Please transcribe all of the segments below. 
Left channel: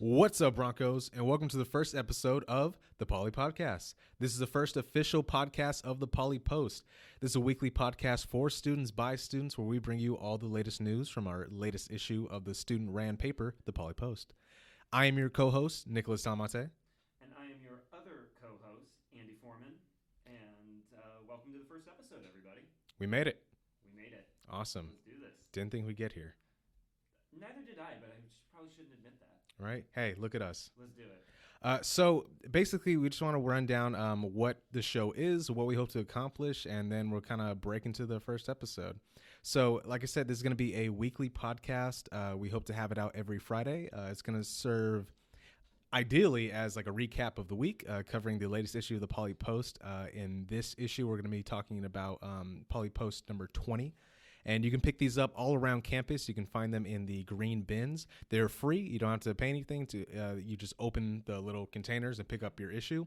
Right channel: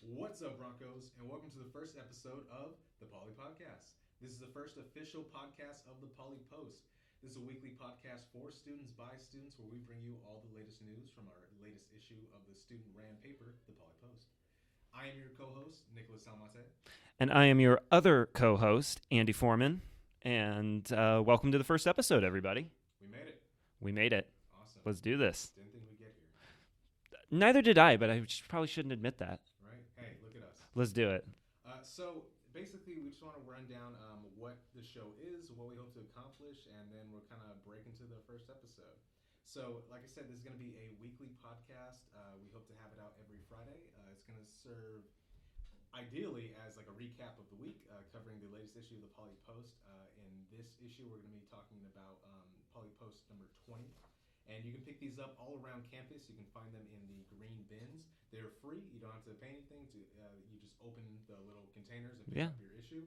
What's up, Broncos, and welcome to the first episode of the Poly Podcast. This is the first official podcast of the Poly Post. This is a weekly podcast for students by students where we bring you all the latest news from our latest issue of the student-ran paper, the Poly Post. I am your co-host, Nicholas Talamante. And I am your other co-host, Andy Foreman. And welcome to the first episode, everybody. We made it. We made it. Awesome. Let's do this. Didn't think we'd get here. Neither did I, but I probably shouldn't admit that. Right? Hey, look at us. Let's do it. So basically, we just want to run down what the show is, what we hope to accomplish, and then we'll kind of break into the first episode. So, like I said, this is going to be a weekly podcast. We hope to have it out every Friday. It's going to serve ideally as like a recap of the week, covering the latest issue of the Poly Post. In this issue, we're going to be talking about Poly Post number 20. And you can pick these up all around campus. You can find them in the green bins. They're free. You don't have to pay anything. You just open the little containers and pick up your issue.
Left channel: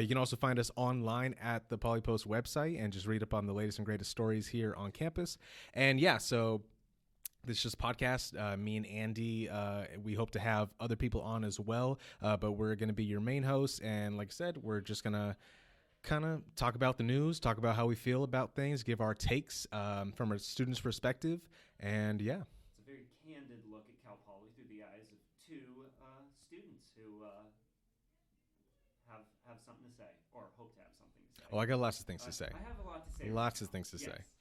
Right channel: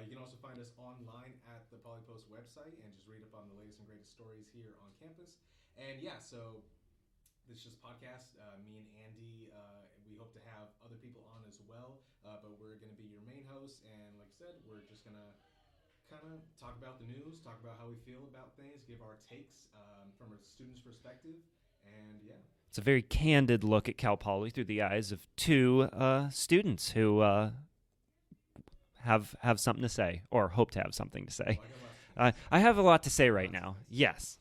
You can also find us online at the Poly Post website and just read up on the latest and greatest stories here on campus. And yeah, so this is just podcast. Me and Andy, we hope to have other people on as well. But we're going to be your main hosts. And like I said, we're just going to kind of talk about the news, talk about how we feel about things, give our takes from a student's perspective, and yeah. It's a very candid look at Cal Poly through the eyes of two students who have something to say, or hope to have something to say. Well, I got lots of things to say. I have a lot to say right lots now. Of things to yes.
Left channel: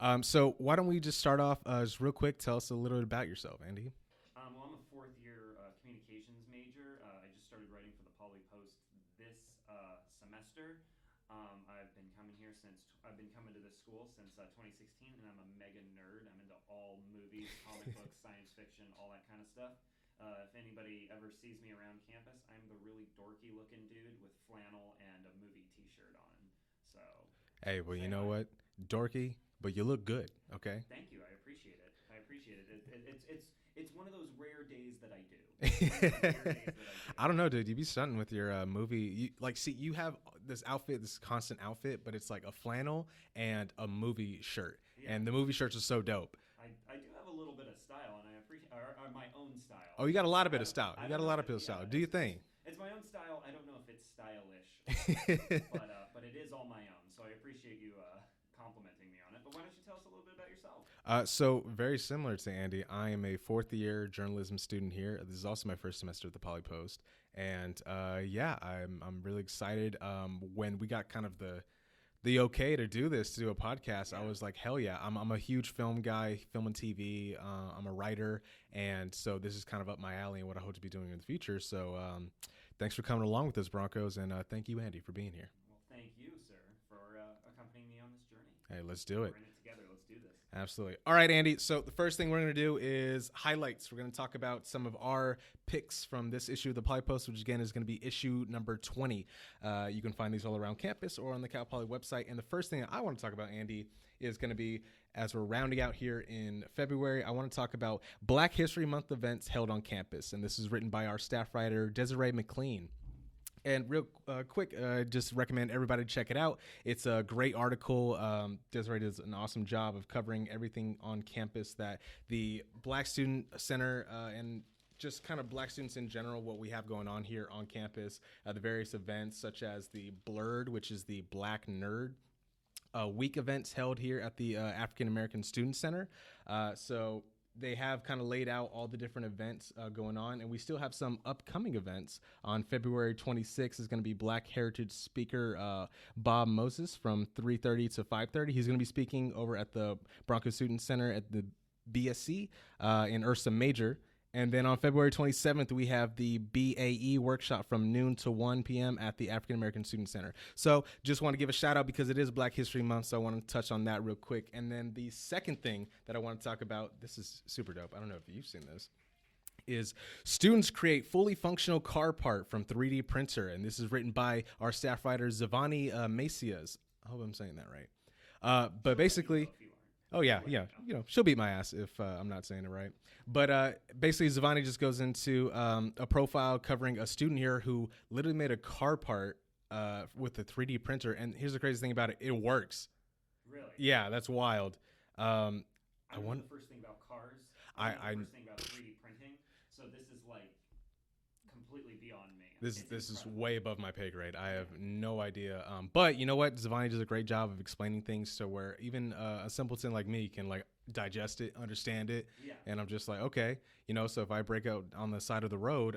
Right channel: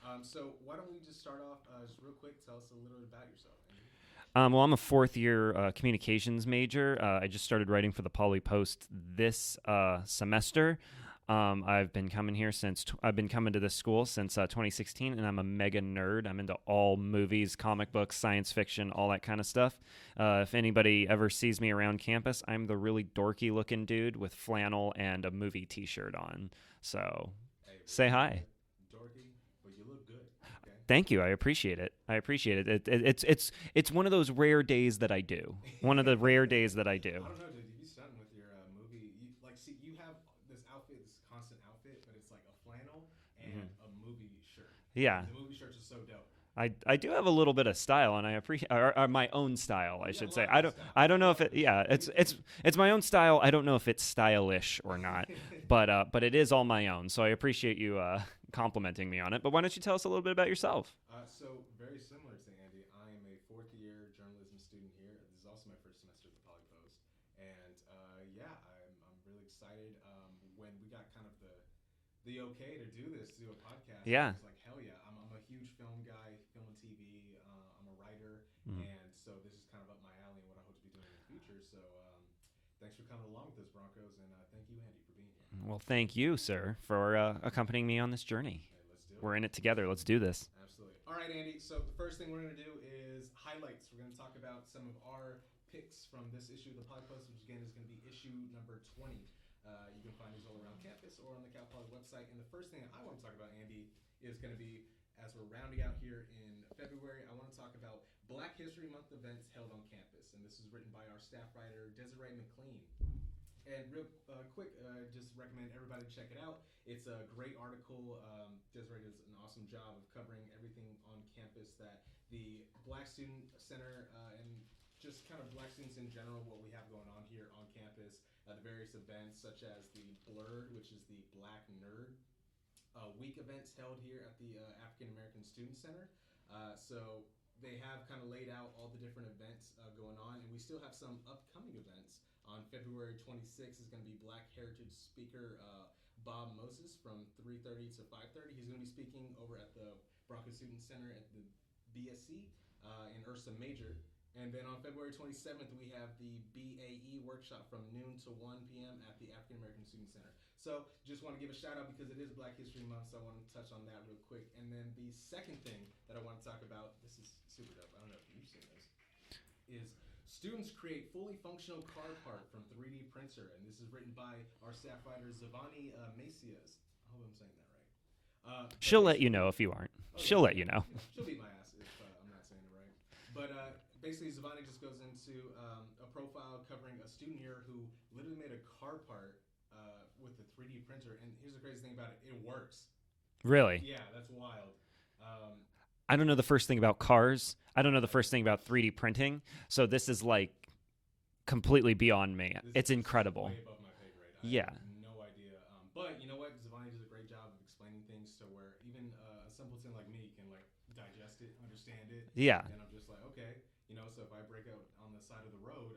Say. So why don't we just start off just real quick, tell us a little bit about yourself, Andy. Well, I'm a fourth-year communications major. I just started writing for the Poly Post this semester. I've been coming to this school since 2016, and I'm a mega nerd. I'm into all movies, comic books, science fiction, all that kind of stuff. If anybody ever sees me around campus, I'm the really dorky-looking dude with flannel and a movie T-shirt on. So, hey, well, say you know hi. What? Dorky, but you look good. Okay. Thank you. I appreciate it. It's one of those rare days that I do. One of the rare days that I do. I don't know, dude. You be stunting with your movie. You have this outfit, this constant outfit, but it's like a flannel and a movie shirt. Yeah. And the movie shirts are so dope. I do have a little bit of style, and I appreciate my own style. Oh, you got a lot of style. I don't know if it's my own style. I don't know if it's stylish or not, but it is all my own. So I appreciate you complimenting me on it. But why don't you tell us a little bit about yourself? So very similar to Andy, I am a fourth year journalism student here. This is also my first semester at the Poly Post, and I'm really excited. When we got kind of the okay to do this, to do a podcast, I was like, hell yeah. I'm a huge film guy, film and TV. I'm a writer, and so this is kind of up my alley and what I hope to be doing in the future. So thanks for coming along with us, Broncos, and thank you, Andy, for being here. Well, thank you, sir, for accompanying me on this journey. Hey, let's do it. We're in it together. Let's do this. Absolutely. All right, Andy. So the first thing we're going to do is highlights. We're going to talk about some of our picks from this issue of the Poly Post, which again is going to be issue number 20. You can find these all around campus or on the Cal Poly website. And the first thing I want to talk about, Andy, is going to be, as we're rounding out here in February, I want to talk about Black History Month events held on campus. And this is written by our staff writer, Desiree McLean. And real quick, just recommend everybody check it out. It's a great article. Desiree does an awesome job of covering everything on campus that the Black Student Center and just kind of Black students in general, what we have going on here on campus, the various events such as the Blurred, which is the Black Nerd Week events held here at the African American Student Center. So they have kind of laid out all the different events going on, and we still have some upcoming events. On February 26th is going to be Black Heritage speaker Bob Moses from 3:30 to 5:30. He's going to be speaking over at the Broncos Student Center at the BSC in Ursa Major. And then on February 27th, we have the BAE workshop from noon to 1 p.m. at the African American Student Center. So just want to give a shout out because it is Black History Month, so I want to touch on that real quick. And then the second thing that I want to talk about, this is super dope. I don't know if you've seen this, is students create fully functional car part from 3D printer. And this is written by our staff writer, Zavani Macias. I hope I'm saying that right. She'll let you know if you aren't. Oh, yeah. She'll let you know. She'll beat my ass if I'm not saying it right. But basically, Zavani just goes into a profile covering a student here who literally made a car part with a 3D printer. And here's the crazy thing about it. It works. Really? Yeah, that's wild. I don't know the first thing about cars. I don't know the first thing about 3D printing. So this is like completely beyond me. It's this incredible. Is way above my pay grade. I Yeah. have no idea. But you know what? Zavani does a great job of explaining things so where even a simpleton like me can like digest it, understand it. Yeah. And I'm just like, okay, you know, so if I break out on the side of the road,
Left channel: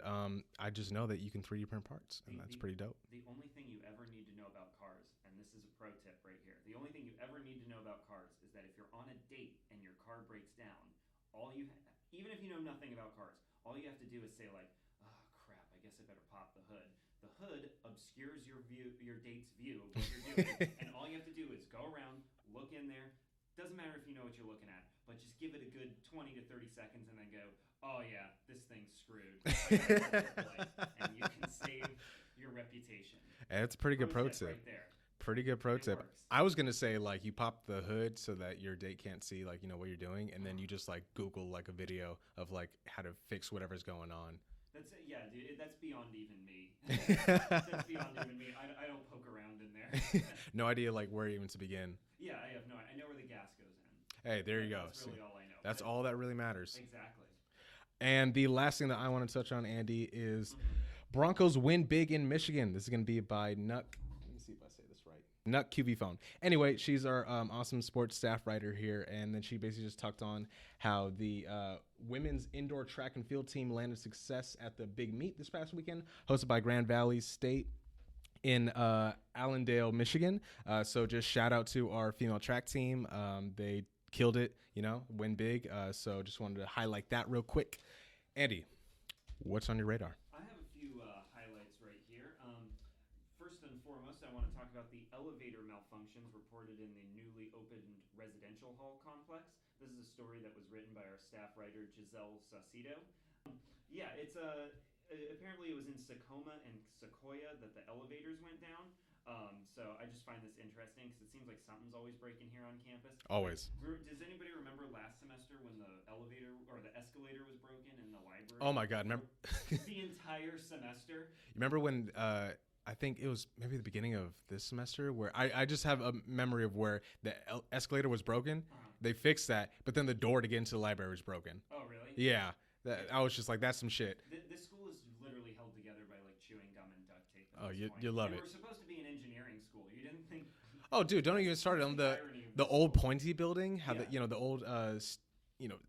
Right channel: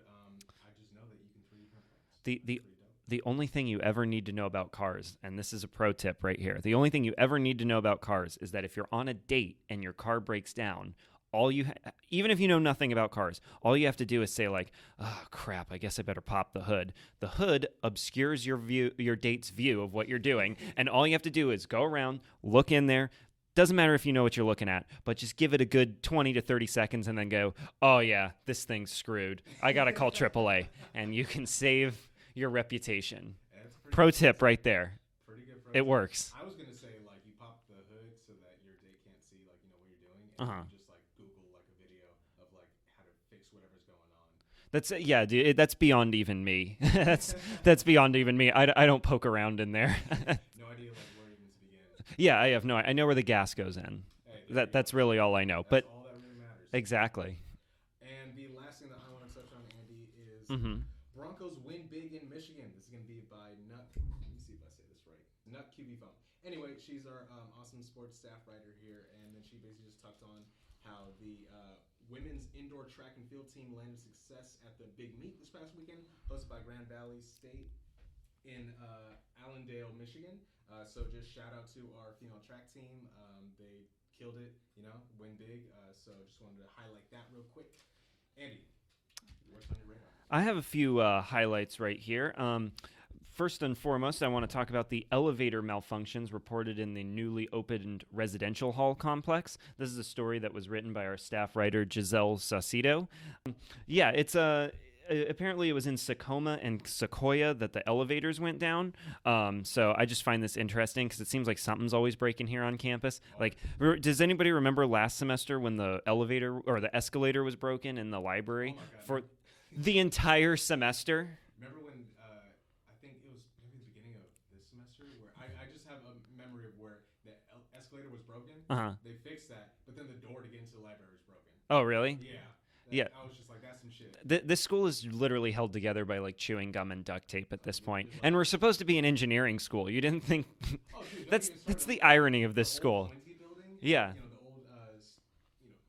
I just know that you can 3D print parts. That's pretty dope. The only thing you ever need to know about cars, and this is a pro tip right here, the only thing you ever need to know about cars is that if you're on a date and your car breaks down, even if you know nothing about cars, all you have to do is say like, oh crap, I guess I better pop the hood. The hood obscures your date's view of what you're doing, and all you have to do is go around, look in there. Doesn't matter if you know what you're looking at, but just give it a good 20 to 30 seconds and then go, oh yeah, this thing's screwed. I got to call AAA, and you can save your reputation. It's pretty pro good tip right there. Pretty good pro tip. It Works. I was going to say, like, you pop the hood so that your date can't see, like, you know, what you're doing. And then you just, like, Google, like, a video of, like, how to fix whatever's going on. That's yeah, dude, that's beyond even me. that's beyond even me. I don't poke around in there. No idea, like, where even to begin. Yeah, I have no. I know where the gas goes in. Hey, there you go. That's really all I know. That's but all that really matters. Exactly. And the last thing that I want to touch on, Andy, is Broncos win big in Michigan. This is going to be by Nut. Nut QV phone. Anyway, she's our awesome sports staff writer here, and then she basically just talked on how the women's indoor track and field team landed success at the big meet this past weekend, hosted by Grand Valley State in Allendale, Michigan. So just shout out to our female track team. They killed it, you know, win big. So just wanted to highlight that real quick. Andy, what's on your radar? I have a few highlights right here. First and foremost, I want to talk about the elevator malfunctions reported in the newly opened residential hall complex. This is a story that was written by our staff writer, Giselle Saucedo. Yeah, it's apparently it was in Tacoma and Sequoia that the elevators went down. So I just find this interesting because it seems like something's always breaking here on campus. Always. Like, does anybody remember last semester when the elevator or the escalator was broken in the library? Oh my God. For the entire semester? Remember when... I think it was maybe the beginning of this semester where I just have a memory of where the escalator was broken. They fixed that, but then the door to get into the library was broken. Oh, really? Yeah. Yeah. I was just like, that's some shit. This school is literally held together by like chewing gum and duct tape at this point. And we're supposed to be an engineering school. You didn't think... Oh, dude, don't even start. That's the irony of this the school. The old pointy building. Yeah. You know, the old...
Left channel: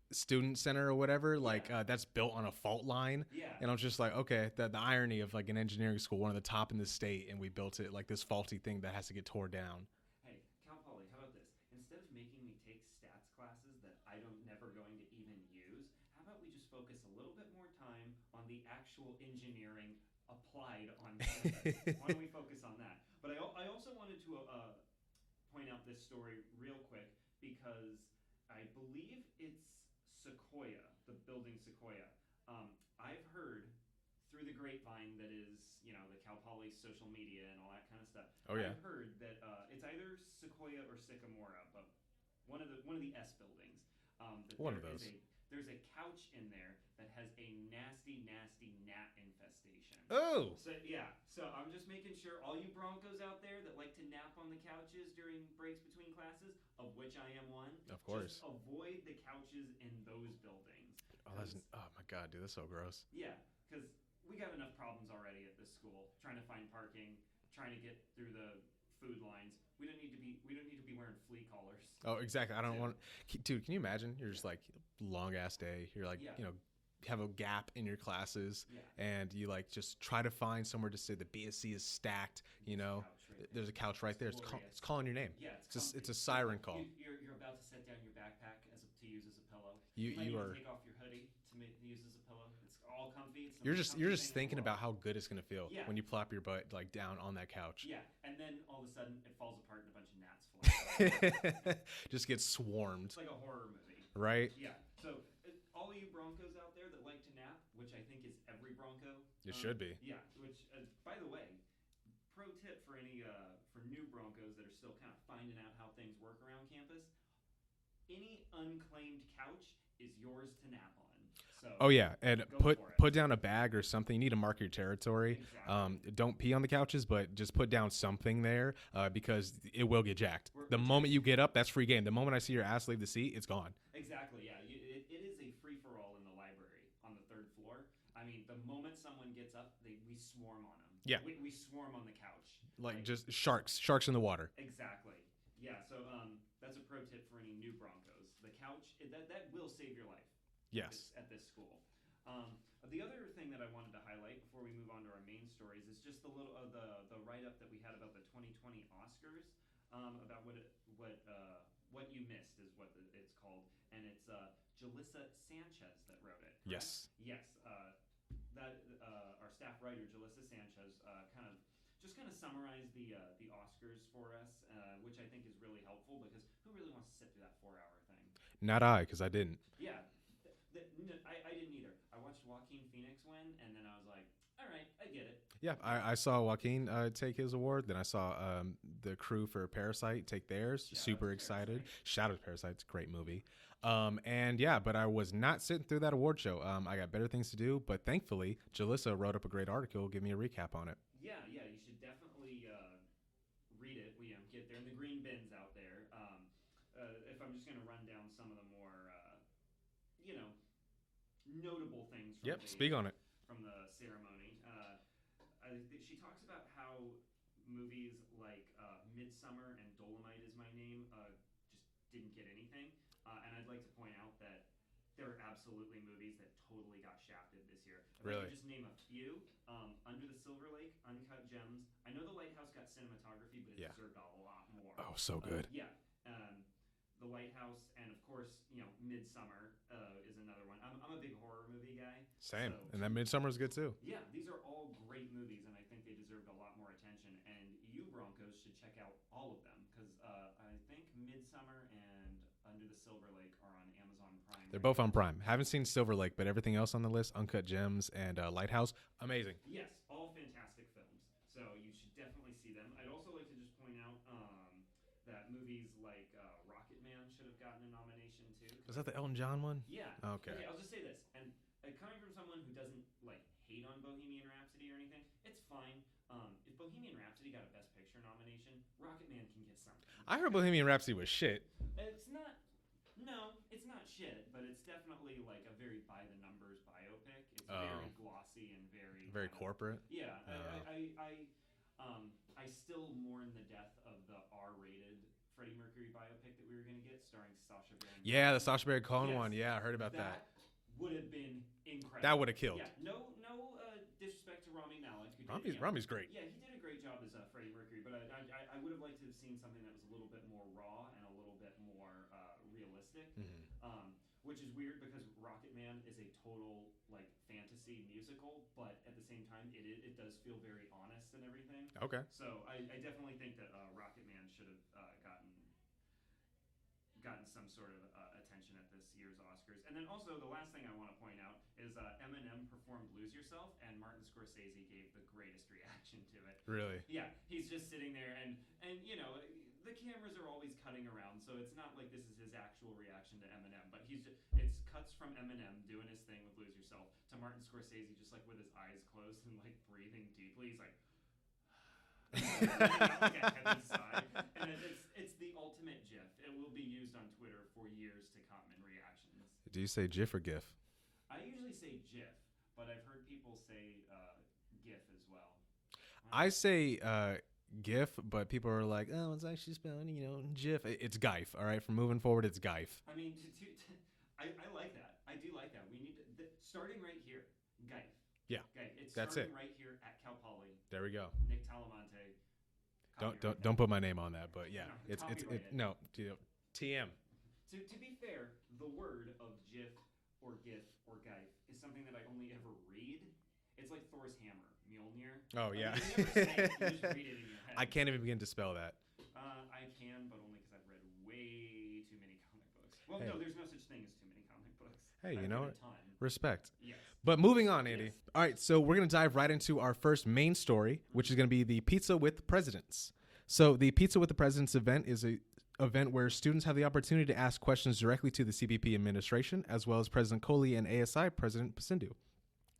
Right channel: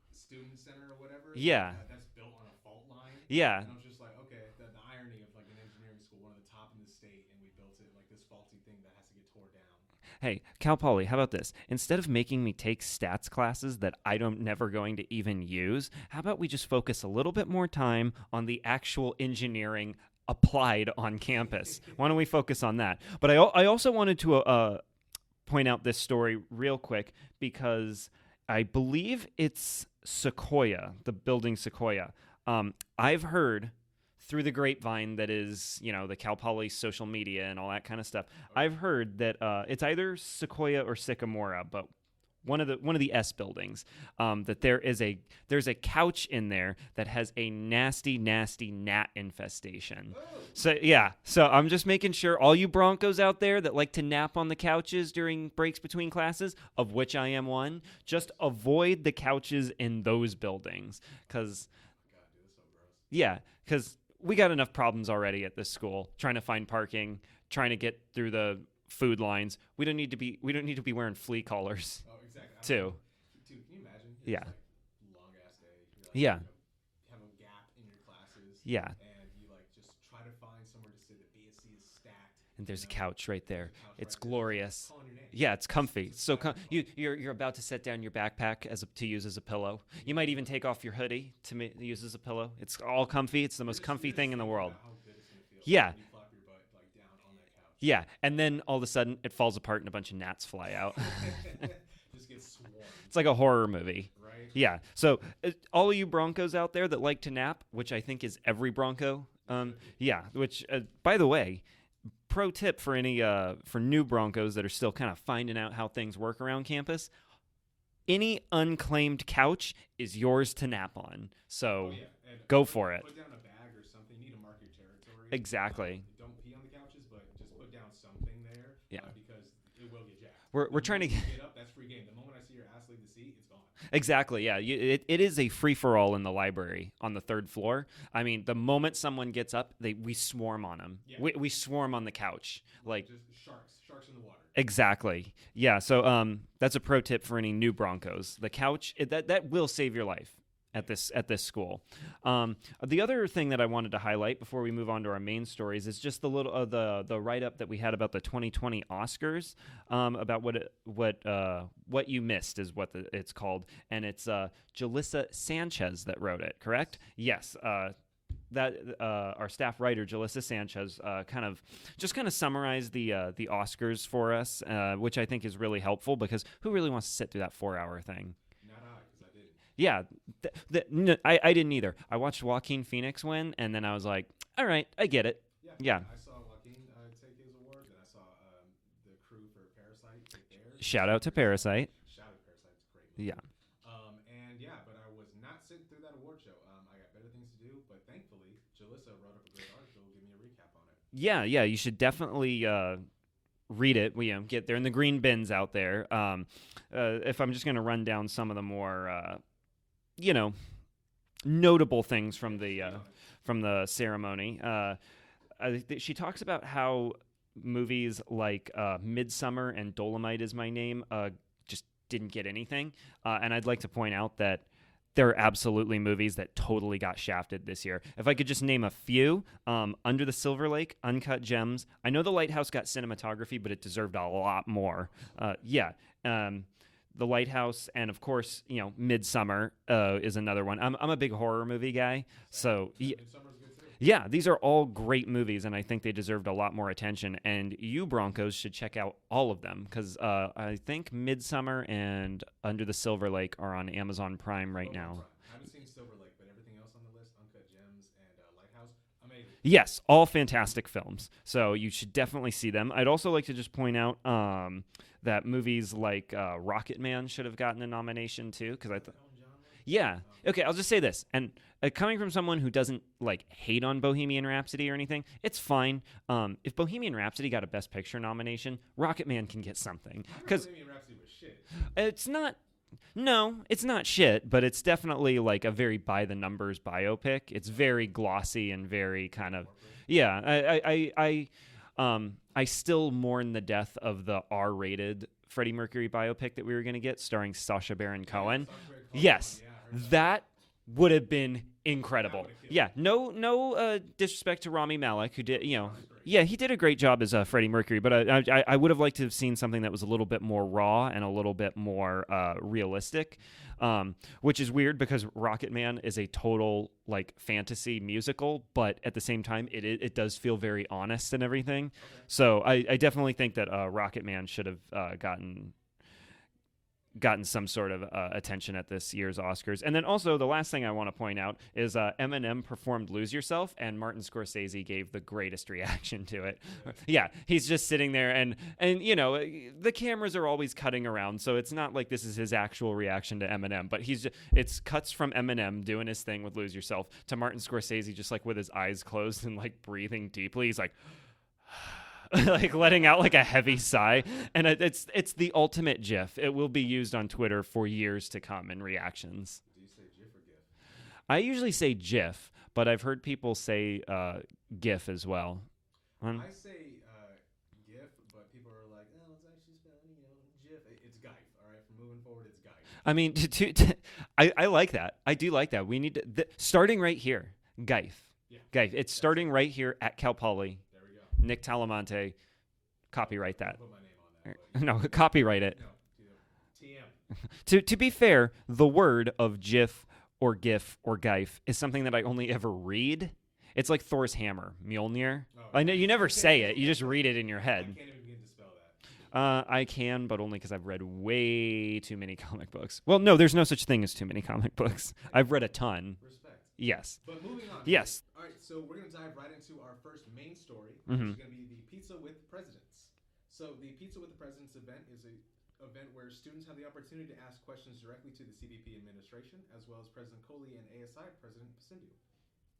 student center or whatever. Yeah. Like, that's built on a fault line. Yeah. And I'm just like, okay, the irony of like an engineering school, one of the top in the state, and we built it like this faulty thing that has to get tore down. Hey, Cal Poly, how about this? Instead of making me take stats classes that I'm never going to even use, how about we just focus a little bit more time on the actual engineering applied on campus? Why don't we focus on that? But I also wanted to point out this story real quick because I believe it's Sequoia, the building Sequoia. I've heard through the grapevine that is, you know, the Cal Poly social media and all that kind of stuff. Oh, yeah. I've heard that it's either Sequoia or Sycamora, but one of the S buildings, that there's a couch in there that has a nasty gnat infestation. Oh. So I'm just making sure all you Broncos out there that like to nap on the couches during breaks between classes, of which I am one, just avoid the couches in those buildings because oh my God, dude, that's so gross. Yeah, because we got enough problems already at this school trying to find parking, trying to get through the food lines. We don't need to be wearing flea collars. Oh, exactly. I don't know. Dude, can you imagine? You're just like long ass day. You're like, you know, have a gap in your classes. Yeah. And you like just try to find somewhere to say the BSC is stacked. And there's a couch right there. There's a couch right there. It's glorious. It's calling your name. Yeah, it's comfy. It's a siren call. You're about to set down your backpack to use as a pillow. You might even take off your hoodie to use as a pillow. It's all comfy. It's the most comfy thing in the world. About how good it's gonna feel. Yeah. When you plop your butt like down on that couch. Yeah, and then all of a sudden it falls apart and a bunch of gnats fly out. Just gets swarmed. It's like a horror movie, right? Yeah. So all of you Broncos out there that like to nap, which I think is every Bronco. It should be. Yeah. Which, by the way, pro tip for any for new Broncos that are still kind of finding out how things work around campus: any unclaimed couch is yours to nap on. So oh yeah, and go for it. Put down a bag or something. You need to mark your territory. Exactly. Don't pee on the couches, but just put down something there because it will get jacked. We're trying to you get up, that's free game. The moment I see your ass leave the seat, it's gone. Exactly. Yeah. It is a free for all in the library on the 3rd floor. I mean, the moment someone gets up, we swarm on them. Yeah. We swarm on the couch. Like just sharks in the water. Exactly. Yeah. So that's a pro tip for any new Broncos. The couch that will save your life at this school. The other thing that I wanted to highlight before we move on to our main stories is just the little the write up that we had about the 2020 Oscars, about what you missed is what it's called, and it's Jalissa Sanchez that wrote it. Correct? Yes. That our staff writer Jalissa Sanchez kind of summarized the Oscars for us, which I think is really helpful because who really wants to sit through that 4-hour thing? Not I, because I didn't. Yeah, I didn't either. I watched Joaquin Phoenix win, and then I was like, all right, I get it. Yeah. I saw Joaquin take his award. Then I saw the crew for Parasite take theirs. Shout out to Parasite. Shout out to Parasite. It's a great movie. Yeah. But I was not sitting through that award show. I got better things to do. But thankfully, Jalissa wrote up a great article. Give me a recap on it. Yeah. You should definitely read it. Get there in the green bins out there. If I'm just going to run down some of the more, notable things from the ceremony. She talks about how movies like Midsummer and Dolomite Is My Name just didn't get anything. And I'd like to point out that there are absolutely movies that totally got shafted this year. If I could just name a few, Under the Silver Lake, Uncut Gems. I know The Lighthouse got cinematography, but it deserved a lot more. Oh, so good. The Lighthouse, and of course, Midsummer is another one. I'm a big horror movie guy, so Midsummer is good too. Yeah, these are all great movies, and I think they deserved a lot more attention. And you Broncos should check out all of them because I think Midsummer and Under the Silver Lake are on Amazon Prime right now. Both on Prime. Haven't seen Silver Lake, but everything else on the list, Uncut Gems and Lighthouse, amazing. Yes, all fantastic films. So you should definitely see them. I'd also like to just point out that movies like Rocket Man should have gotten a nomination too. Is that the Elton John one? Yeah. Oh, okay, I'll just say this. And coming from someone who doesn't hate on Bohemian Rhapsody or anything, it's fine. If Bohemian Rhapsody got a Best Picture nomination, Rocket Man can get something. I heard Bohemian Rhapsody was shit. It's not. No, it's not shit, but it's definitely like a very by the numbers biopic. It's very glossy and very kind of corporate. Yeah. I still mourn the death of the R-rated Freddie Mercury biopic that we were going to get starring Sacha Baron Cohen. Yeah, Sacha Baron Cohen yes, one. Yeah, I heard about that. Would have been incredible. That would have killed. Yeah, no disrespect to Rami Malek, who did, Rami's great. Yeah, he did a great job as Freddie Mercury, but I would have liked to have seen something that was a little bit more raw and a little bit more realistic, which is weird because Rocket Man is a total fantasy musical, but at the same time, it does feel very honest and everything. Okay. So I definitely think that Rocket Man should have gotten some sort of attention at this year's Oscars. And then also the last thing I want to point out is Eminem performed Lose Yourself, and Martin Scorsese gave the greatest reaction to it. Really? Yeah, he's just sitting there and the cameras are always cutting around, so it's not like this is his actual reaction to Eminem, but it's cuts from Eminem doing his thing with Lose Yourself to Martin Scorsese just with his eyes closed and breathing deeply. He's like letting out a heavy sigh, and it's the ultimate GIF. It will be used on Twitter for years to come in reactions. Do you say GIF or GIF? I usually say GIF, but I've heard people say GIF as well. I say GIF, but people are like, oh, it's actually spelled, GIF. It's GIF. All right, from moving forward, it's GIF. I mean, I like that. I do like that. We need to starting right here, GIF. Yeah. Okay, it's starting right here at Cal Poly. There we go. Nick Talamante, copyright that. Don't put my name on that. But no, copyright it. No, TM. To be fair, the word of GIF or GIF or GIF is something that I only ever read. It's like Thor's hammer, Mjolnir. Oh, yeah. I know you never say it; you just read it in your head. I can't even begin to spell that. I can, but only because I've read way too many comic books. Well, no, there's no such thing as too many comic books. Hey, I've read a ton. Respect. Yes. But moving on, Andy. Yes. All right, so we're going to dive right into our first main story, which is going to be the Pizza with Presidents. So the Pizza with the Presidents event is event where students have the opportunity to ask questions directly to the CPP administration, as well as President Coley and ASI President Pasindu.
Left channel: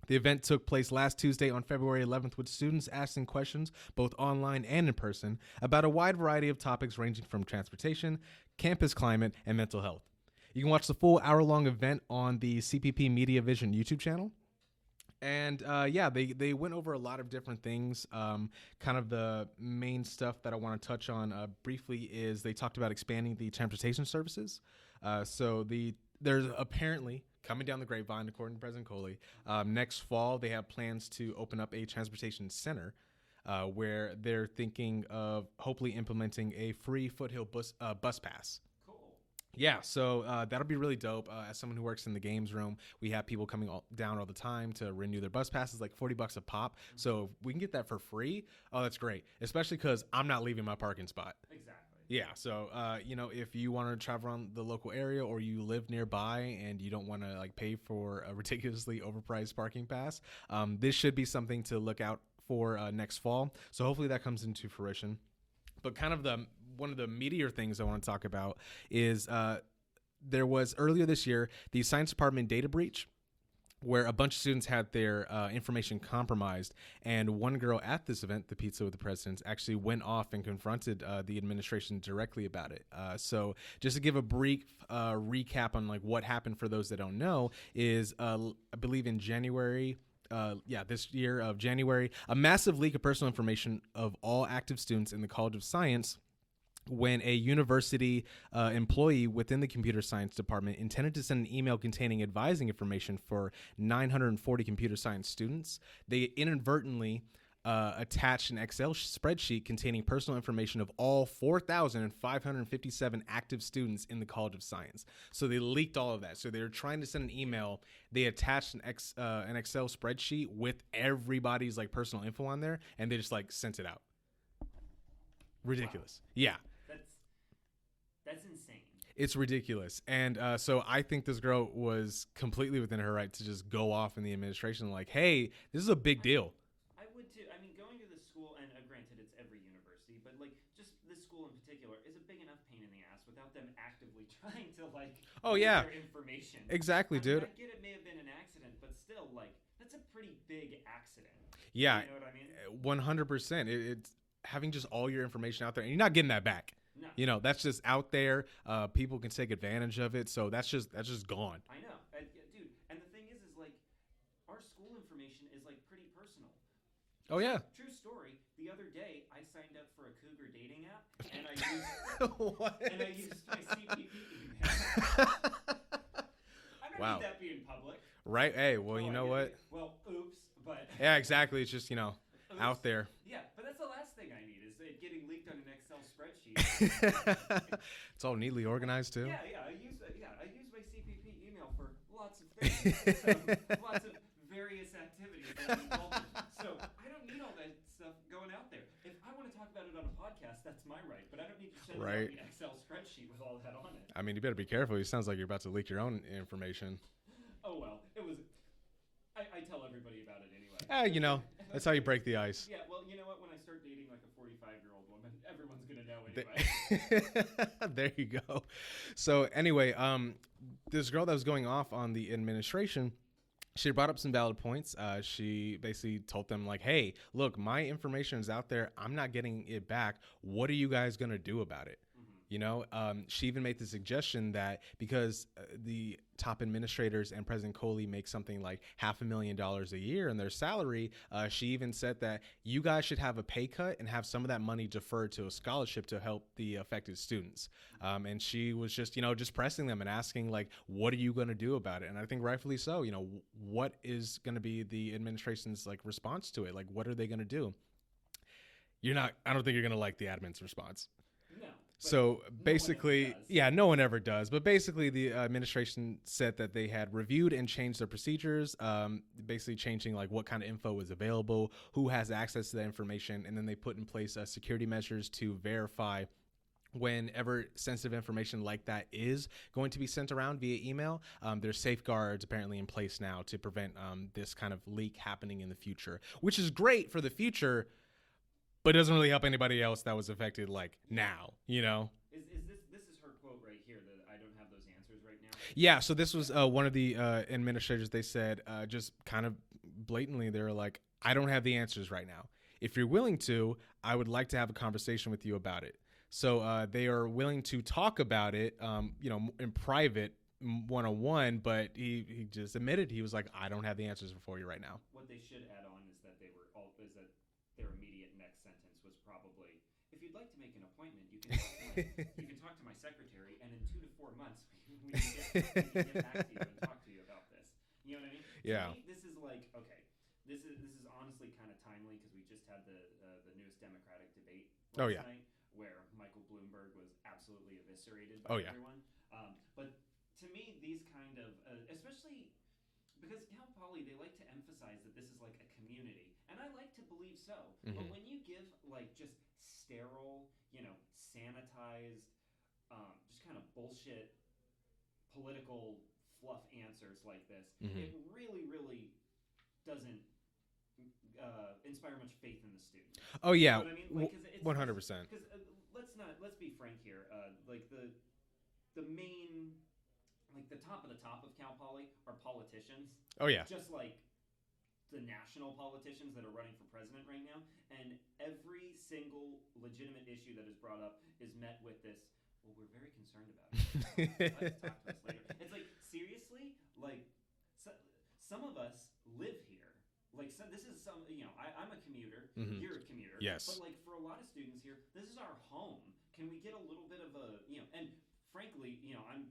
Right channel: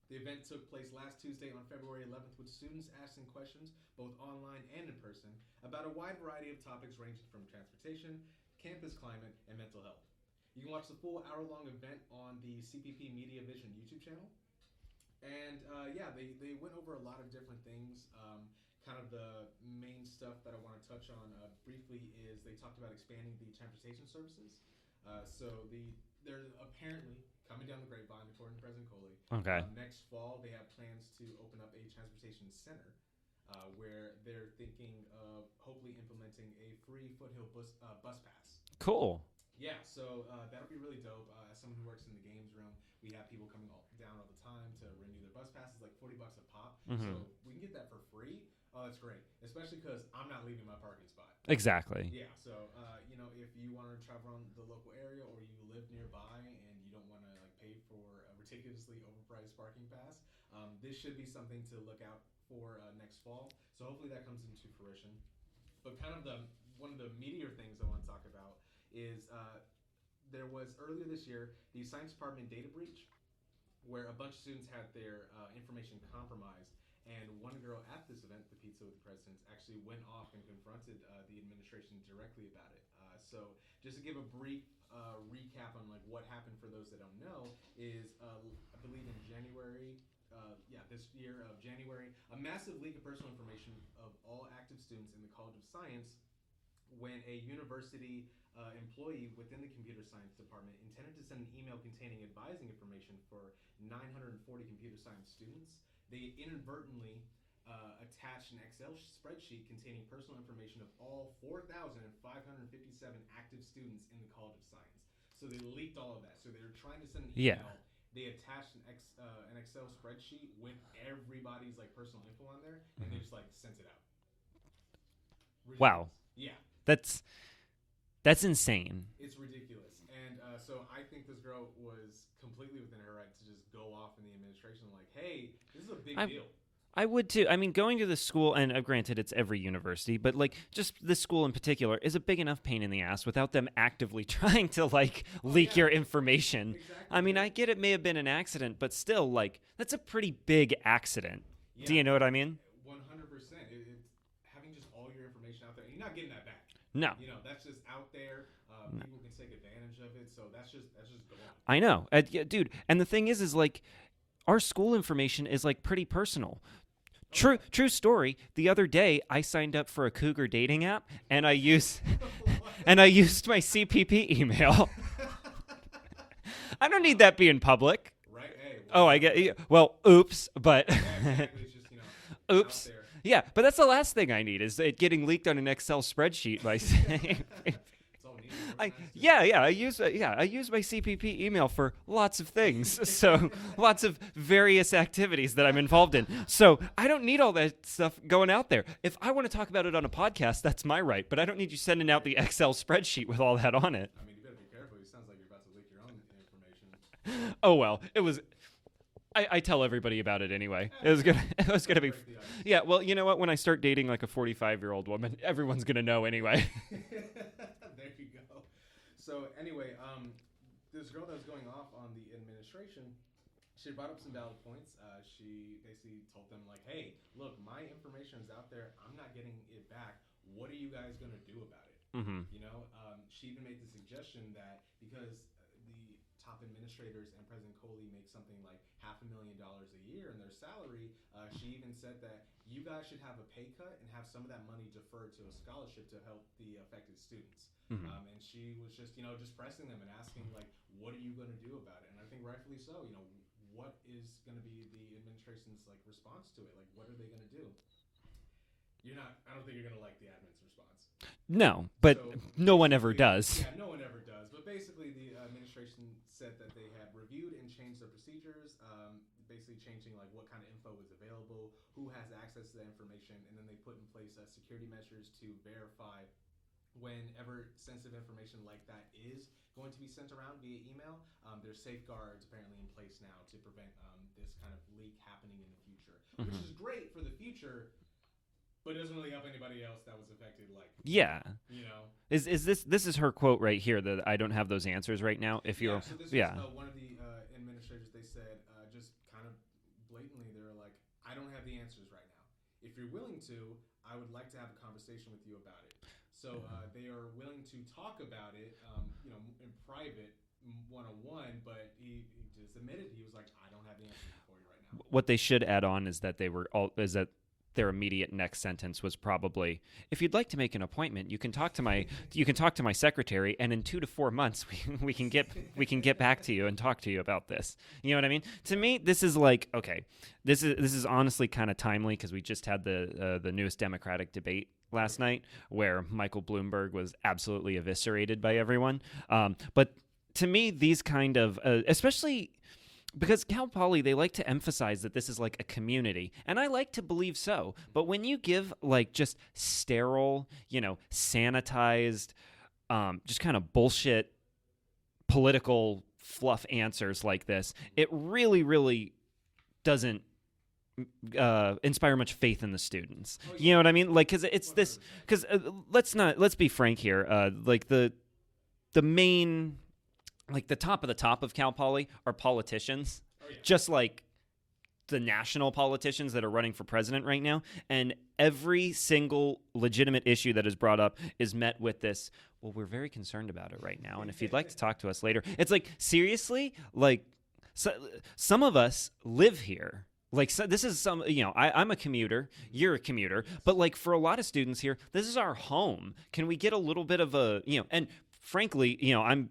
The event took place last Tuesday on February 11th with students asking questions, both online and in person, about a wide variety of topics ranging from transportation, campus climate, and mental health. You can watch the full hour-long event on the CPP Media Vision YouTube channel. And they went over a lot of different things. Kind of the main stuff that I want to touch on briefly is they talked about expanding the transportation services. There's apparently coming down the grapevine, according to President Coley. Okay. Next fall, they have plans to open up a transportation center where they're thinking of hopefully implementing a free foothill bus pass. Cool. Yeah, so that'll be really dope. As someone who works in the games room, we have people coming down all the time to renew their bus passes, like $40 a pop. Mm-hmm. So if we can get that for free, oh, that's great. Especially because I'm not leaving my parking spot. Exactly. Yeah, so if you want to travel around the local area or you live nearby and you don't want to like pay for a ridiculously overpriced parking pass, this should be something to look out for next fall. So hopefully that comes into fruition. But kind of one of the meatier things I want to talk about is there was earlier this year the science department data breach where a bunch of students had their information compromised. And one girl at this event, the Pizza with the Presidents, actually went off and confronted the administration directly about it. So just to give a brief recap on like what happened for those that don't know is I believe in January, this year of January, a massive leak of personal information of all active students in the College of Science when a university employee within the computer science department intended to send an email containing advising information for 940 computer science students. They inadvertently attached an Excel spreadsheet containing personal information of all 4,557 active students in the College of Science. So they leaked all of that. So they were trying to send an email. Yeah. They attached an Excel spreadsheet with everybody's like personal info on there, and they just like sent it out. Ridiculous. Wow. Yeah. That's insane. It's ridiculous. And so I think this girl was completely within her right to just go off in the administration like, hey, this is a big deal. I would too. I mean, going to the school, and granted, it's every university, but like just this school in particular is a big enough pain in the ass without them actively trying to like leak your information. Exactly. I mean, I get it may have been an accident, but still, like, that's a pretty big accident. Yeah. Do you know what I mean? 100%. It's having just all your information out there, and you're not getting that back. No. That's just out there. People can take advantage of it, so that's just gone. I know. Dude, and the thing is like, our school information is like pretty personal. Oh, True story. The other day, I signed up for a Cougar dating app, and I used my CPP email. I don't need that being public. Right? Hey. Well, I get. Well, oops. But yeah, exactly. It's just oops. Out there. Yeah, but that's the last thing I need is it getting leaked on an Excel spreadsheet by. It's all neatly organized too. Yeah. I use my CPP email for lots of things. So lots of various activities that I'm involved in. So I don't need all that stuff going out there. If I want to talk about it on a podcast, that's my right. But I don't need you sending out the Excel spreadsheet with all that on it. I mean, you better be careful. It sounds like you're about to leak your own information. Oh well, it was. I tell everybody about it anyway. It was going to break the ice. Yeah, well, you know what? When I start dating like a 45-year-old woman, everyone's going to know anyway. There you go. So anyway, this girl that was going off on the administration, she brought up some valid points. She basically told them like, hey, look, my information is out there. I'm not getting it back. What are you guys going to do about it? Mm-hmm. She even made the suggestion that because the top administrators and President Coley make something like $500,000 a year in their salary, she even said that you guys should have a pay cut and have some of that money deferred to a scholarship to help the affected students. Mm-hmm. And she was just pressing them and asking like, what are you going to do about it? And I think rightfully so. What is going to be the administration's like response to it? Like, what are they going to do? I don't think you're going to like the admin's response. No, but so no one ever does. Yeah, no one ever does. But basically, the administration said that they had reviewed and changed their procedures, basically changing like what kind of info is available, who has access to that information, and then they put in place security measures to verify whenever sensitive information like that is going to be sent around via email. There's safeguards apparently in place now to prevent this kind of leak happening in the future, which is great for the future. but it doesn't really help anybody else that was affected. Like, now, you know, is this is her quote right here that I don't have those answers right now. So this was one of the administrators. They said just kind of blatantly, they're like, I don't have the answers right now. If you're willing to, I would like to have a conversation with you about it. So they are willing to talk about it, you know, in private, one-on-one, but he just admitted, he was like, I don't have the answers for you right now. What they should add on is that their immediate next sentence was probably, if you'd like to make an appointment, you can talk to my secretary, and in 2 to 4 months we can get back to you and talk to you about this. You know what I mean? To me, this is like, okay, this is honestly kind of timely because we just had the newest Democratic debate last night where Michael Bloomberg was absolutely eviscerated by everyone. But to me, these kind of especially because Cal Poly, they like to emphasize that this is like a community, and I like to believe so. Mm-hmm. But when you give like just sterile, you know, sanitized, just kind of bullshit political fluff answers like this, it really, really doesn't inspire much faith in the students. Oh yeah, you know what I mean? Like, because it's 100%. This. Because let's be frank here. Like the main. Like the top of Cal Poly are politicians. Oh, yeah. Just like the national politicians that are running for president right now. And every single legitimate issue that is brought up is met with this, well, we're very concerned about it right now. And if you'd like to talk to us later. It's like, seriously? Like, some of us live here. Like, so this is you know, I'm a commuter. Mm-hmm. You're a commuter. Yes. But like for a lot of students here, this is our home. Can we get a little bit of a, you know, and frankly, you know,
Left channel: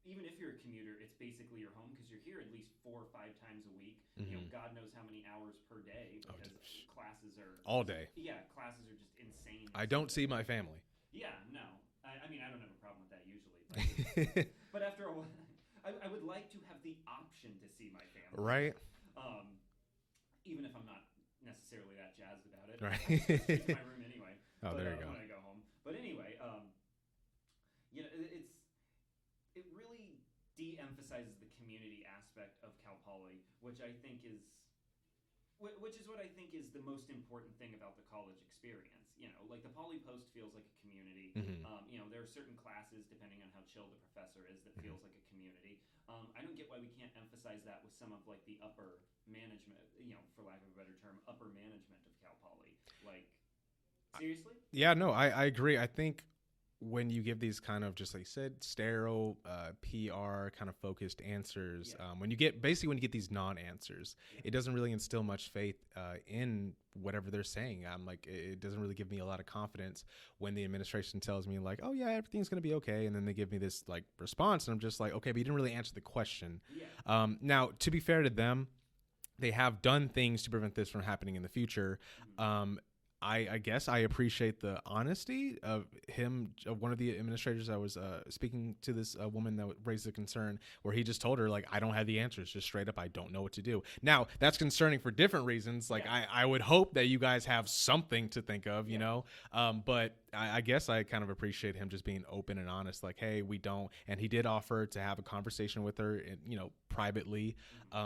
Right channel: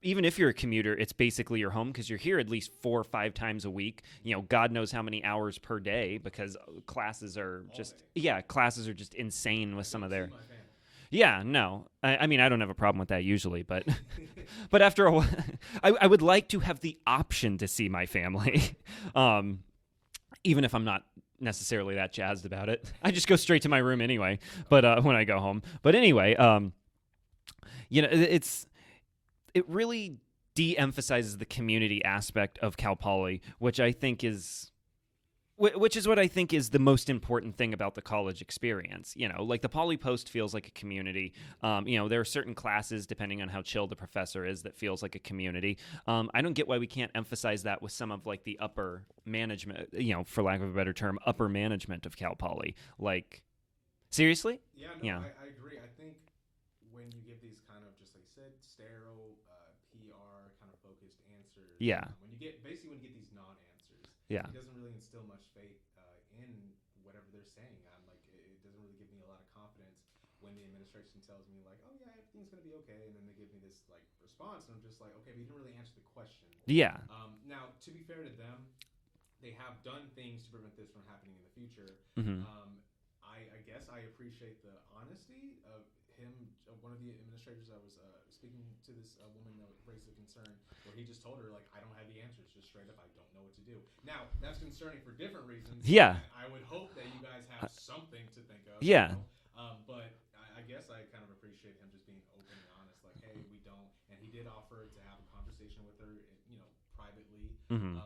even if you're a commuter, it's basically your home because you're here at least 4 or 5 times a week. Mm-hmm. You know, God knows how many hours per day because classes are all day. Yeah, classes are just insane. With I don't see my family. Yeah, no. I mean, I don't have a problem with that usually, but but after a while, I would like to have the option to see my family, right? Even if I'm not necessarily that jazzed about it. Right. I just go straight to my room anyway. But when I go home, but anyway, you know, it really de-emphasizes the community aspect of Cal Poly, which is what I think is the most important thing about the college experience. You know, like the Poly Post feels like a community. Mm-hmm. You know, there are certain classes, depending on how chill the professor is, that feels like a community. I don't get why we can't emphasize that with some of like the upper management, you know, for lack of a better term, upper management of Cal Poly. Like, seriously? Yeah, no, yeah. I agree. I think when you give these kind of, just like you said, sterile, PR kind of focused answers, when you get these non-answers, it doesn't really instill much faith in whatever they're saying. I'm like, it doesn't really give me a lot of confidence when the administration tells me like, oh yeah, everything's going to be okay. And then they give me this like response and I'm just like, okay, but you didn't really answer the question. Yeah. Now, to be fair to them, they have done things to prevent this from happening in the future. Mm-hmm. I guess I appreciate the honesty of him, of one of the administrators. I was speaking to this woman that raised a concern where he just told her, like, I don't have the answers, just straight up, I don't know what to do. Now, that's concerning for different reasons. Like, I would hope that you guys have something to think of, you know? But I guess I kind of appreciate him just being open and honest, like, hey, we don't. And he did offer to have a conversation with her, you know, privately. Mm-hmm.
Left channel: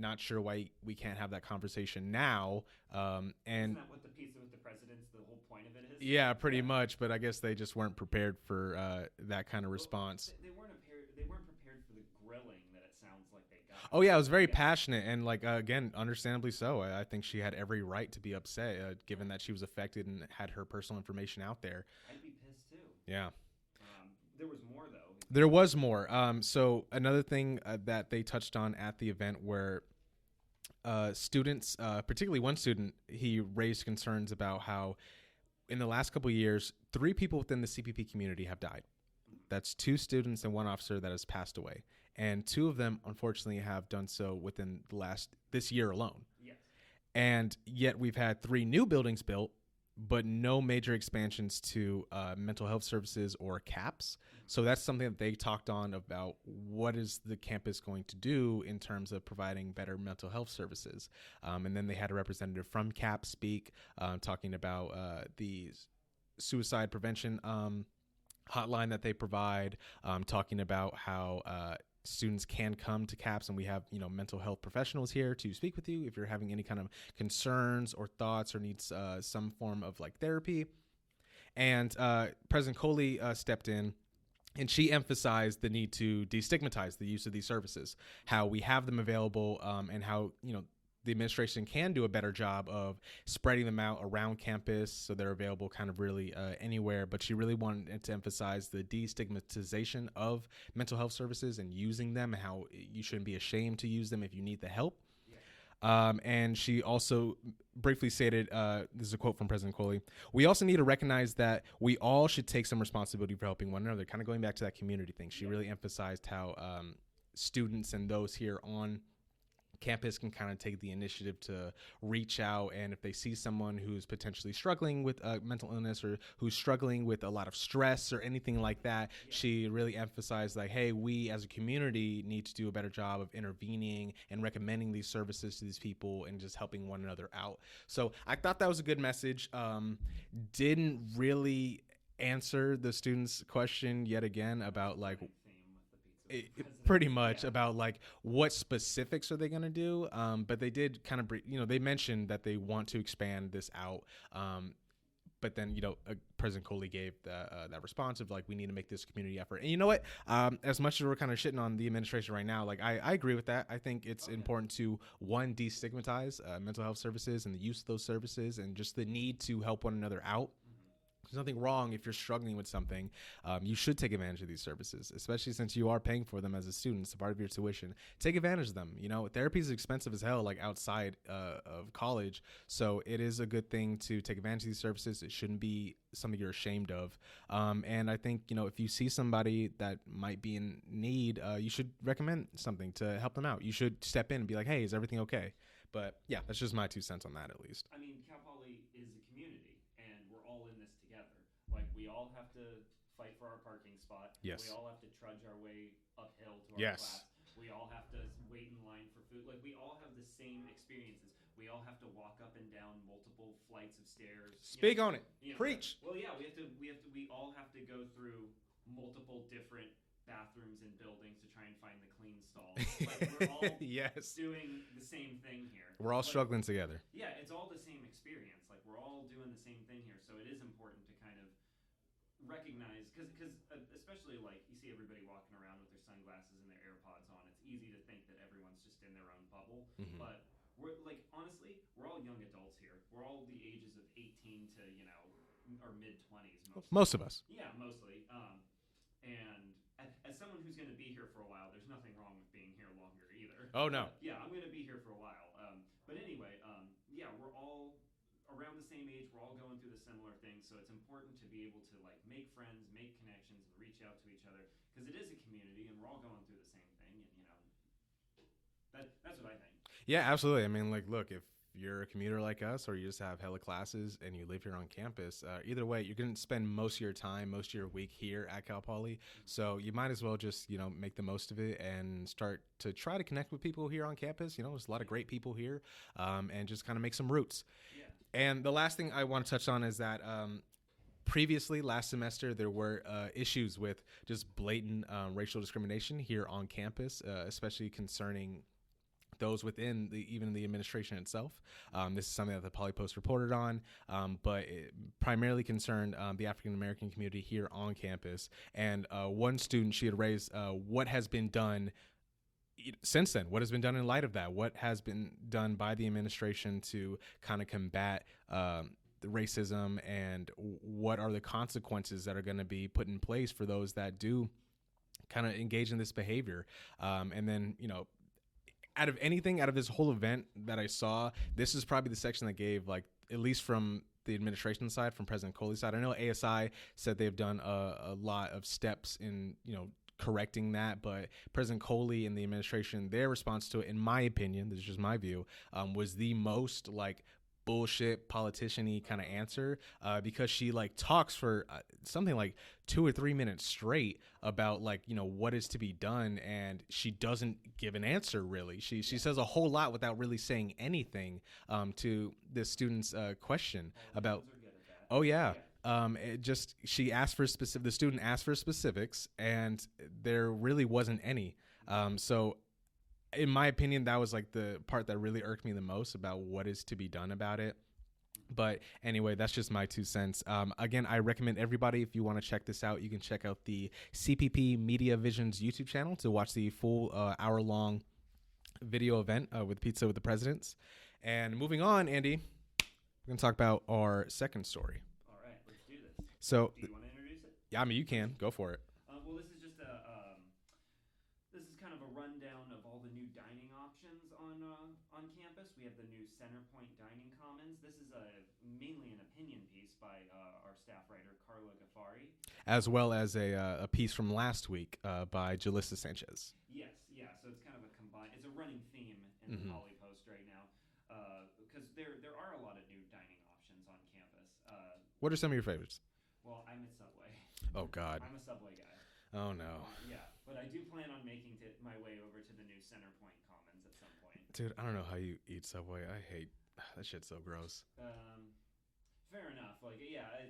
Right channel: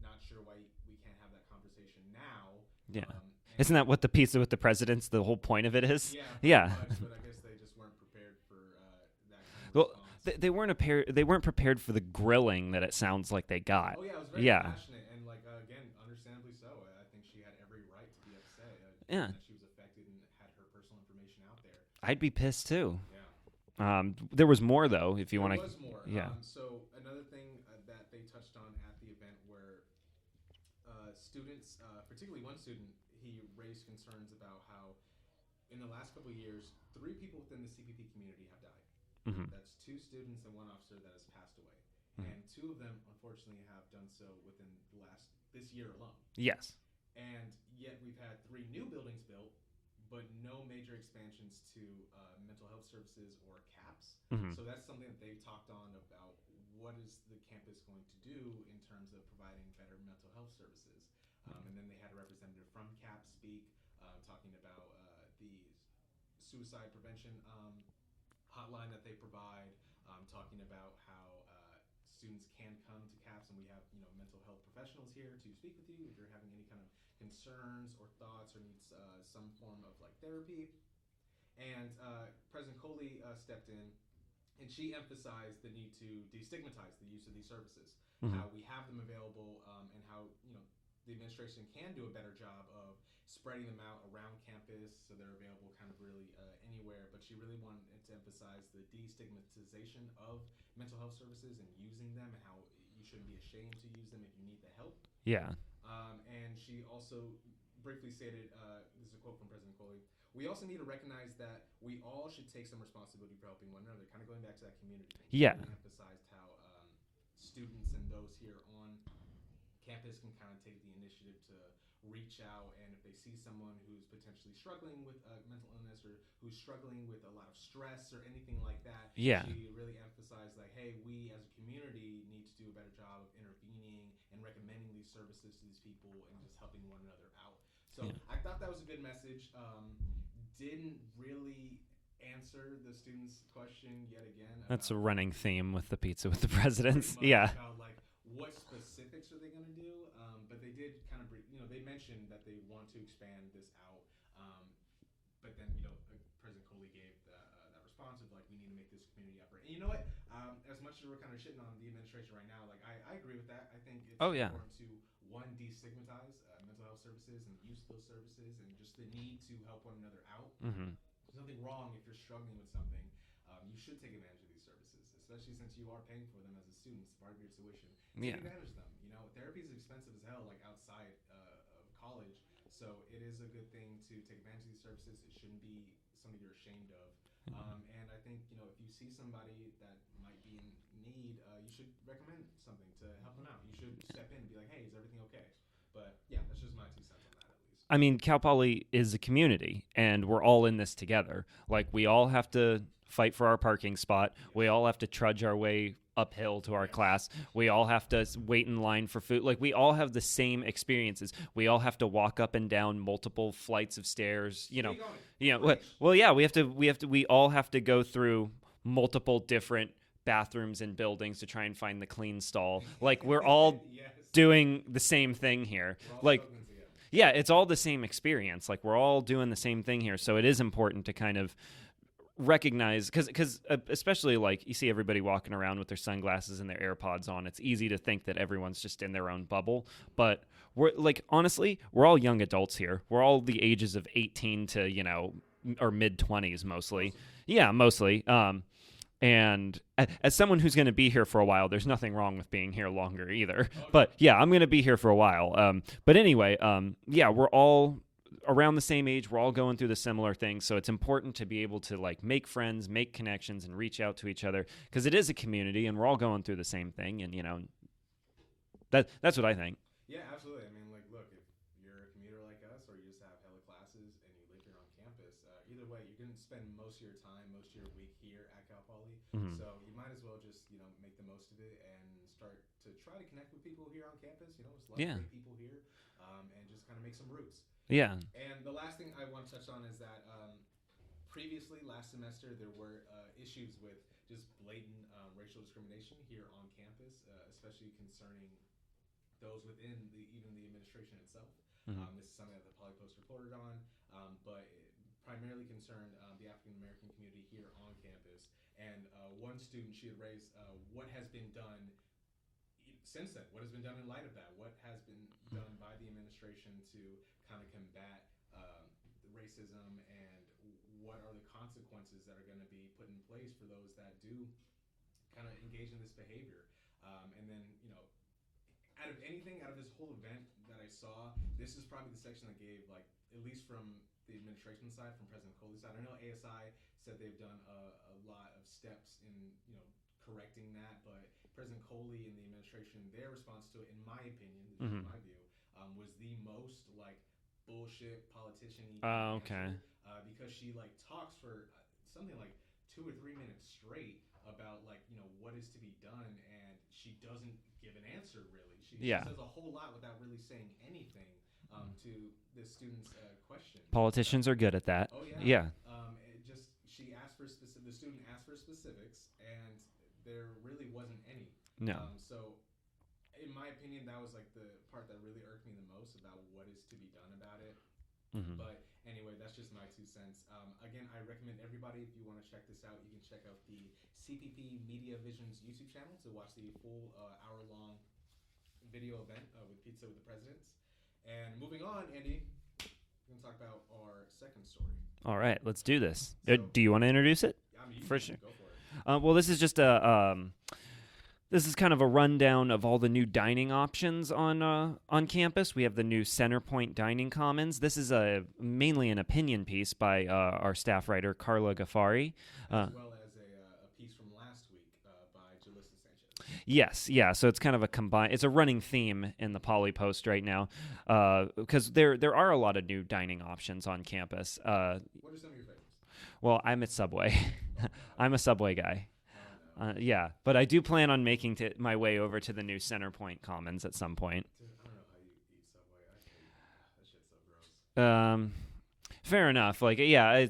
Not sure why we can't have that conversation now. And isn't that what the piece with the president's, the whole point of it is? Yeah, pretty much. But I guess they just weren't prepared for that kind of response. They weren't prepared for the grilling that it sounds like they got. Oh yeah, it was very passionate and like again, understandably so. I think she had every right to be upset, given that she was affected and had her personal information out there. I'd be pissed too. Yeah. There was more though. There was more. Yeah. So another thing that they touched on at the event where students, particularly one student, he raised concerns about how in the last couple of years, 3 people within the CPP community have died. Mm-hmm. That's 2 students and 1 officer that has passed away. And 2 of them, unfortunately, have done so within this year alone. Yes. And yet we've had 3 new buildings built, but no major expansions to mental health services or CAPS. Mm-hmm. So that's something that they talked on about what is the campus going to do in terms of providing better mental health services. And then they had a representative from CAPS speak, talking about the suicide prevention hotline that they provide, talking about how students can come to CAPS, and we have, mental health professionals here to speak with you if you're having any kind of concerns or thoughts or needs some form of like therapy. And President Coley stepped in, and she emphasized the need to destigmatize the use of these services, how we have them available, and how, the administration can do a better job of spreading them out around campus so they're available kind of really anywhere. But she really wanted to emphasize the destigmatization of mental health services and using them, and how you shouldn't be ashamed to use them if you need the help. Yeah. And she also briefly stated, this is a quote from President Coley, "We also need to recognize that we all should take some responsibility for helping one another," kind of going back to that community thing. She really emphasized how students and those here on campus can kind of take the initiative to reach out, and if they see someone who's potentially struggling with mental illness or who's struggling with a lot of stress or anything like that, she really emphasized like, hey, we as a community need to do a better job of intervening and recommending these services to these people and just helping one another out. So I thought that was a good message. Didn't really answer the students' question yet again about, that's a like, running theme with the pizza with the president, pretty much, about like what specifics are they going to do, but they did kind of they mentioned that they want to expand this out, but then President Coley gave that response of like, we need to make this a community effort. And you know what, as much as we're kind of shitting on the administration right now, like I agree with that. I think it's important to destigmatize mental health services and the use of those services and just the need to help one another out. There's nothing wrong if you're struggling with something. You should take advantage of these services, especially since you are paying for them as a student. It's a part of your tuition. Take advantage of them. Therapy is expensive as hell, like outside of college. So it is a good thing to take advantage of these services. It shouldn't be something you're ashamed of. And I think, if you see somebody that might be in need, you should recommend something to help them out. You should step in and be like, hey, is everything okay? But yeah, that's just my 2 cents on that, at least. I mean, Cal Poly is a community, and we're all in this together. Like, we all have to fight for our parking spot. Yes. We all have to trudge our way uphill to our class. We all have to wait in line for food. Like, we all have the same experiences. We all have to walk up and down multiple flights of stairs. Speak on it. Well, yeah, we all have to go through multiple different bathrooms and buildings to try and find the clean stall. Like, we're all doing the same thing here. We're all struggling together. Yeah, it's all the same experience. Like, we're all doing the same thing here. So it is important to kind of recognize, because especially like you see everybody walking around with their sunglasses and their AirPods on, it's easy to think that everyone's just in their own bubble. But we're like, honestly, we're all young adults here. We're all the ages of 18 to, or mid 20s mostly. Most of us. Yeah, mostly. And as someone who's going to be here for a while, there's nothing wrong with being here longer either. Oh, no. But yeah, I'm going to be here for a while. But anyway, we're all around the same age. We're all going through the similar things. So it's important to be able to like make friends, make connections, and reach out to each other, because it is a community and we're all going through the same thing. And, that's what I think. Yeah, absolutely. I mean, like, look, if you're a commuter like us, or you just have hella classes and you live here on campus, either way, you're going to spend most of your time, most of your week here at Cal Poly. So you might as well just, make the most of it and start to try to connect with people here on campus. There's a lot of great people here, and just kind of make some roots. Yeah. And the last thing I want to touch on is that previously, last semester, there were issues with just blatant racial discrimination here on campus, especially concerning those within even the administration itself. This is something that the Poly Post reported on, but it primarily concerned the African American community here on campus. And one student, she had raised what has been done since then, what has been done in light of that, what has been done by the administration to kind of combat the racism, and what are the consequences that are going to be put in place for those that do kind of engage in this behavior. And then, out of this whole event that I saw, this is probably the section that gave, like, at least from the administration side, from President Coley's side. I know ASI said they've done a lot of steps in, correcting that, but President Coley and the administration, their response to it, in my opinion, this is just my view, was the most like bullshit politician-y kind of answer, because she like talks for something like 2 or 3 minutes straight about like, what is to be done, and she doesn't give an answer really. She says a whole lot without really saying anything to the student's question. Politicians are good at that. Oh yeah. The student asked for specifics, and there really wasn't any. No. So in my opinion, that was like the part that really irked me the most about what is to be done about it. Mm-hmm. But anyway, that's just my 2 cents. Again, I recommend everybody, if you want to check this out, you can check out the CPP Media Visions YouTube channel to watch the full hour-long video event with Pizza with the Presidents. And moving on, Andy, we're going to talk about our second story. All right, let's do this. So, do you want to introduce it? Yeah, I mean, you For can. sure. Go for it. Well, this is just this is kind of a rundown of all the new dining options on campus. We have the new Centerpoint Dining Commons. This is mainly an opinion piece by our staff writer, Carla Gaffari. As well as a piece from last week by Jalissa Sanchez. Yes, yeah. So it's kind of a combined. It's a running theme in the Poly Post right now, because there are a lot of new dining options on campus. What are some of your favorites? Well, I'm at Subway. Oh God, I'm a Subway guy. Oh no. Yeah, but I do plan on making my way over to the new Centerpoint Commons at some point. Dude, I don't know how you eat Subway. I hate that shit's so gross. Fair enough. Like, yeah,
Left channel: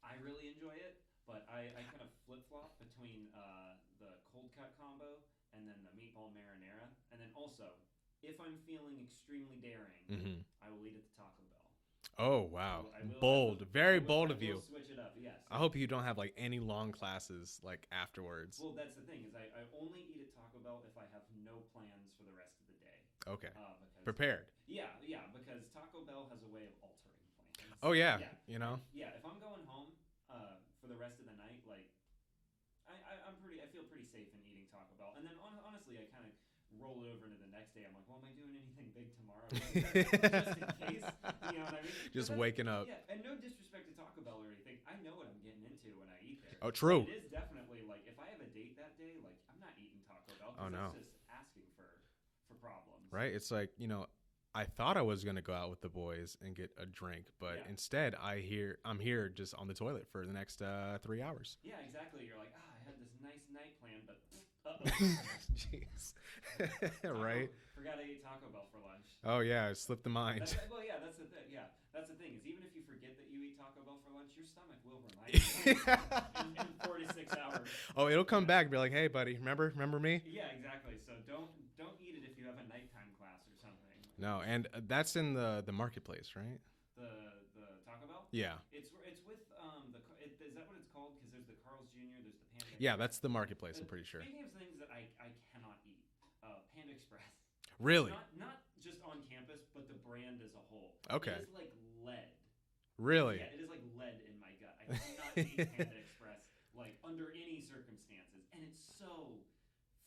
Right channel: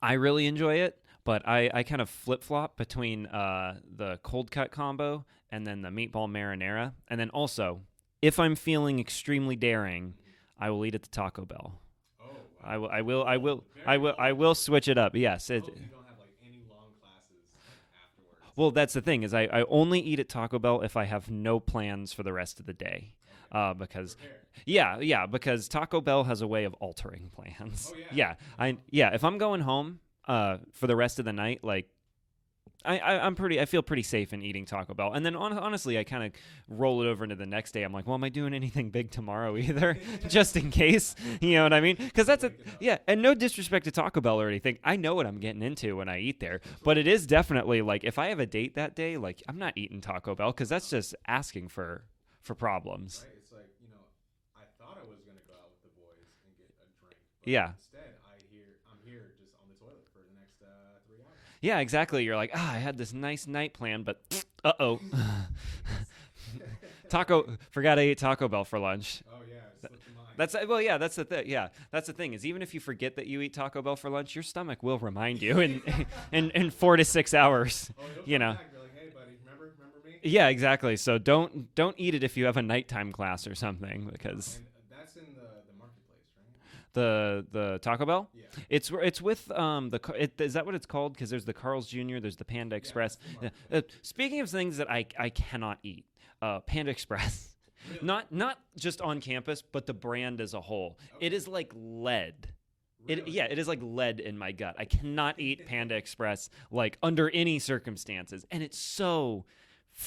I really enjoy it, but I kind of flip-flop between the cold cut combo and then the meatball marinara. And then also, if I'm feeling extremely daring, I will eat at the Taco Bell. Oh wow! I will switch it up. Yes. I hope you don't have like any long classes like afterwards. Well, that's the thing is I only eat at Taco Bell if I have no plans for the rest of the day. Okay. Because prepared. Yeah. Because Taco Bell has a way of altering plans. Oh yeah. Yeah. You know? If I'm going home for the rest of the night, like I feel pretty safe in eating Taco Bell. And then honestly, I kind of roll it over into the next day. I'm like, well, am I doing anything big tomorrow either? Just in case. You know what I mean? Because that's yeah. And no disrespect to Taco Bell or anything. I know what I'm getting into when I eat there. Oh, true. But it is definitely like if I have a date that day, like I'm not eating Taco Bell because that's just asking for problems. Right? It's like, I thought I was going to go out with the boys and get a drink, but instead I'm here just on the toilet for the next 3 hours. Yeah, exactly. You're like, I had this nice night plan, but uh-oh. Forgot I ate Taco Bell for lunch. Oh yeah, it slipped the mind. That's the thing. Yeah, that's the thing is even if you forget that you eat Taco Bell for lunch, your stomach will remind you in 4 to 6 hours. Oh, it'll come back and be like, hey buddy, remember me? Yeah, exactly. So don't eat it if you have a nighttime class or something. Because and that's in the marketplace, right? The Taco Bell. Yeah, it's with is that what it's called? Because there's the Carl's Jr., there's the Panda Express. Yeah, that's the marketplace. Speaking of things that I cannot eat. Panda Express. Really? Not just on campus, but the brand as a whole. Okay. It is like lead. Really? It is like lead in my gut. I cannot eat Panda Express like under any circumstances. And it's so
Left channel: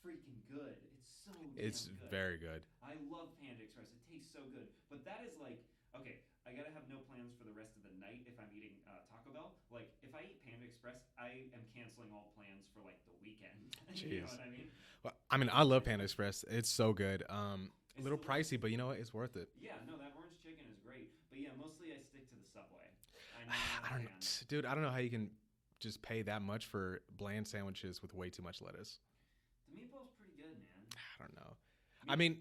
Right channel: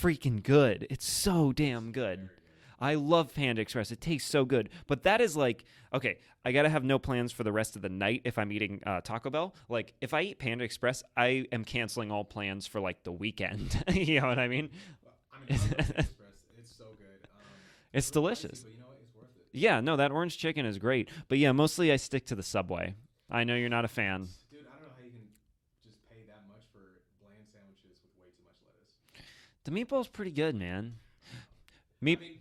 freaking good. It's so damn good. Very good. I love Panda Express. It tastes so good. But that is like, okay, I got to have no plans for the rest of the night if I'm eating Taco Bell. Like, if I eat Panda Express, I am canceling all plans for, like, the weekend. You know what I mean? Well, I mean, I love Panda Express. It's so good. It's delicious. Pricey, but you know what? It's worth it. Yeah, no, that orange chicken is great. But, yeah, mostly I stick to the Subway. I know you're not a fan. Dude, I don't know how you can just pay that much for bland sandwiches with way too much lettuce. The meatball's pretty good, man. I don't know. I mean...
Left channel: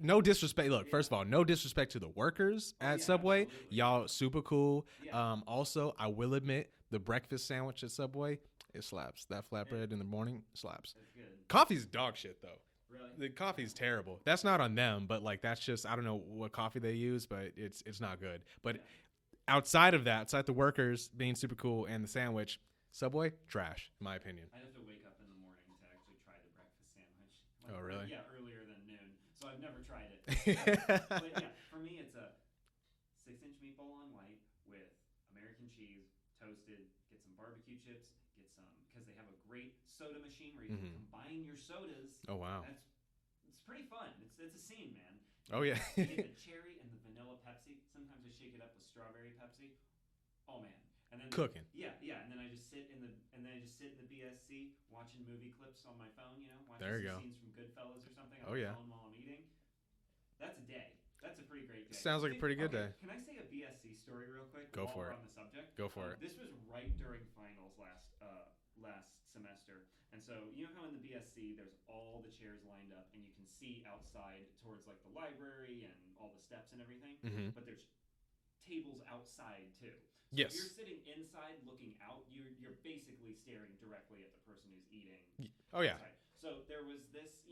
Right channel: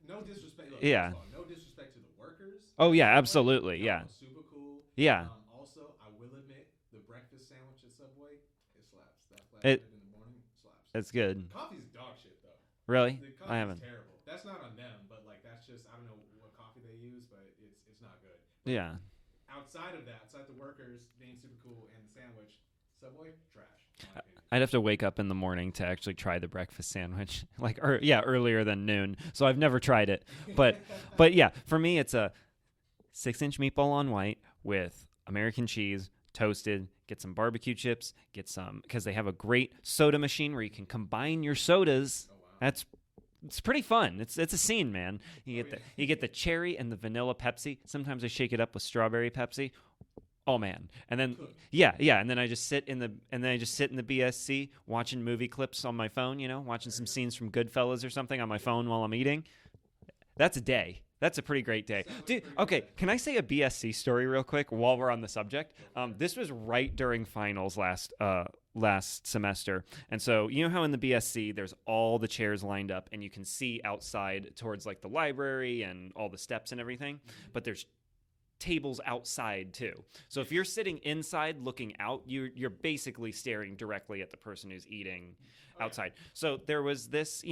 No disrespect. Look, first of all, no disrespect to the workers. Oh yeah, Subway. absolutely. Y'all super cool. Yeah. Also, I will admit the breakfast sandwich at Subway, it slaps. That flatbread in the morning slaps. It's good. Coffee's dog shit though. Really? The coffee's terrible. That's not on them, but like that's just I don't know what coffee they use, but it's not good. But yeah. Outside of that, outside the workers being super cool and the sandwich. Subway, trash, in my opinion. I'd have to wake up in the morning to actually try the breakfast sandwich, earlier than noon. So I've never tried it, but yeah, for me it's a 6-inch meatball on white with American cheese, toasted. Get some barbecue chips. Get some because they have a great soda machine where you can combine your sodas. Oh wow, it's pretty fun. It's a scene, man. You get the cherry and the vanilla Pepsi. Sometimes I shake it up with strawberry Pepsi. Oh man! And then cooking. Yeah. And then I just sit in the BSC watching movie clips on my phone. Watching some scenes from Goodfellas or something on my phone while I'm eating. That's a day. That's a pretty great day. Sounds like a pretty good day. Can I say a BSC story real quick while we're on the subject? Go for it. This was right during finals last semester, and so you know how in the BSC there's all the chairs lined up, and you can see outside towards like the library and all the steps and everything, but there's tables outside too. So if you're sitting inside looking out, you're basically staring directly at the person who's eating outside. Yeah. So there was this,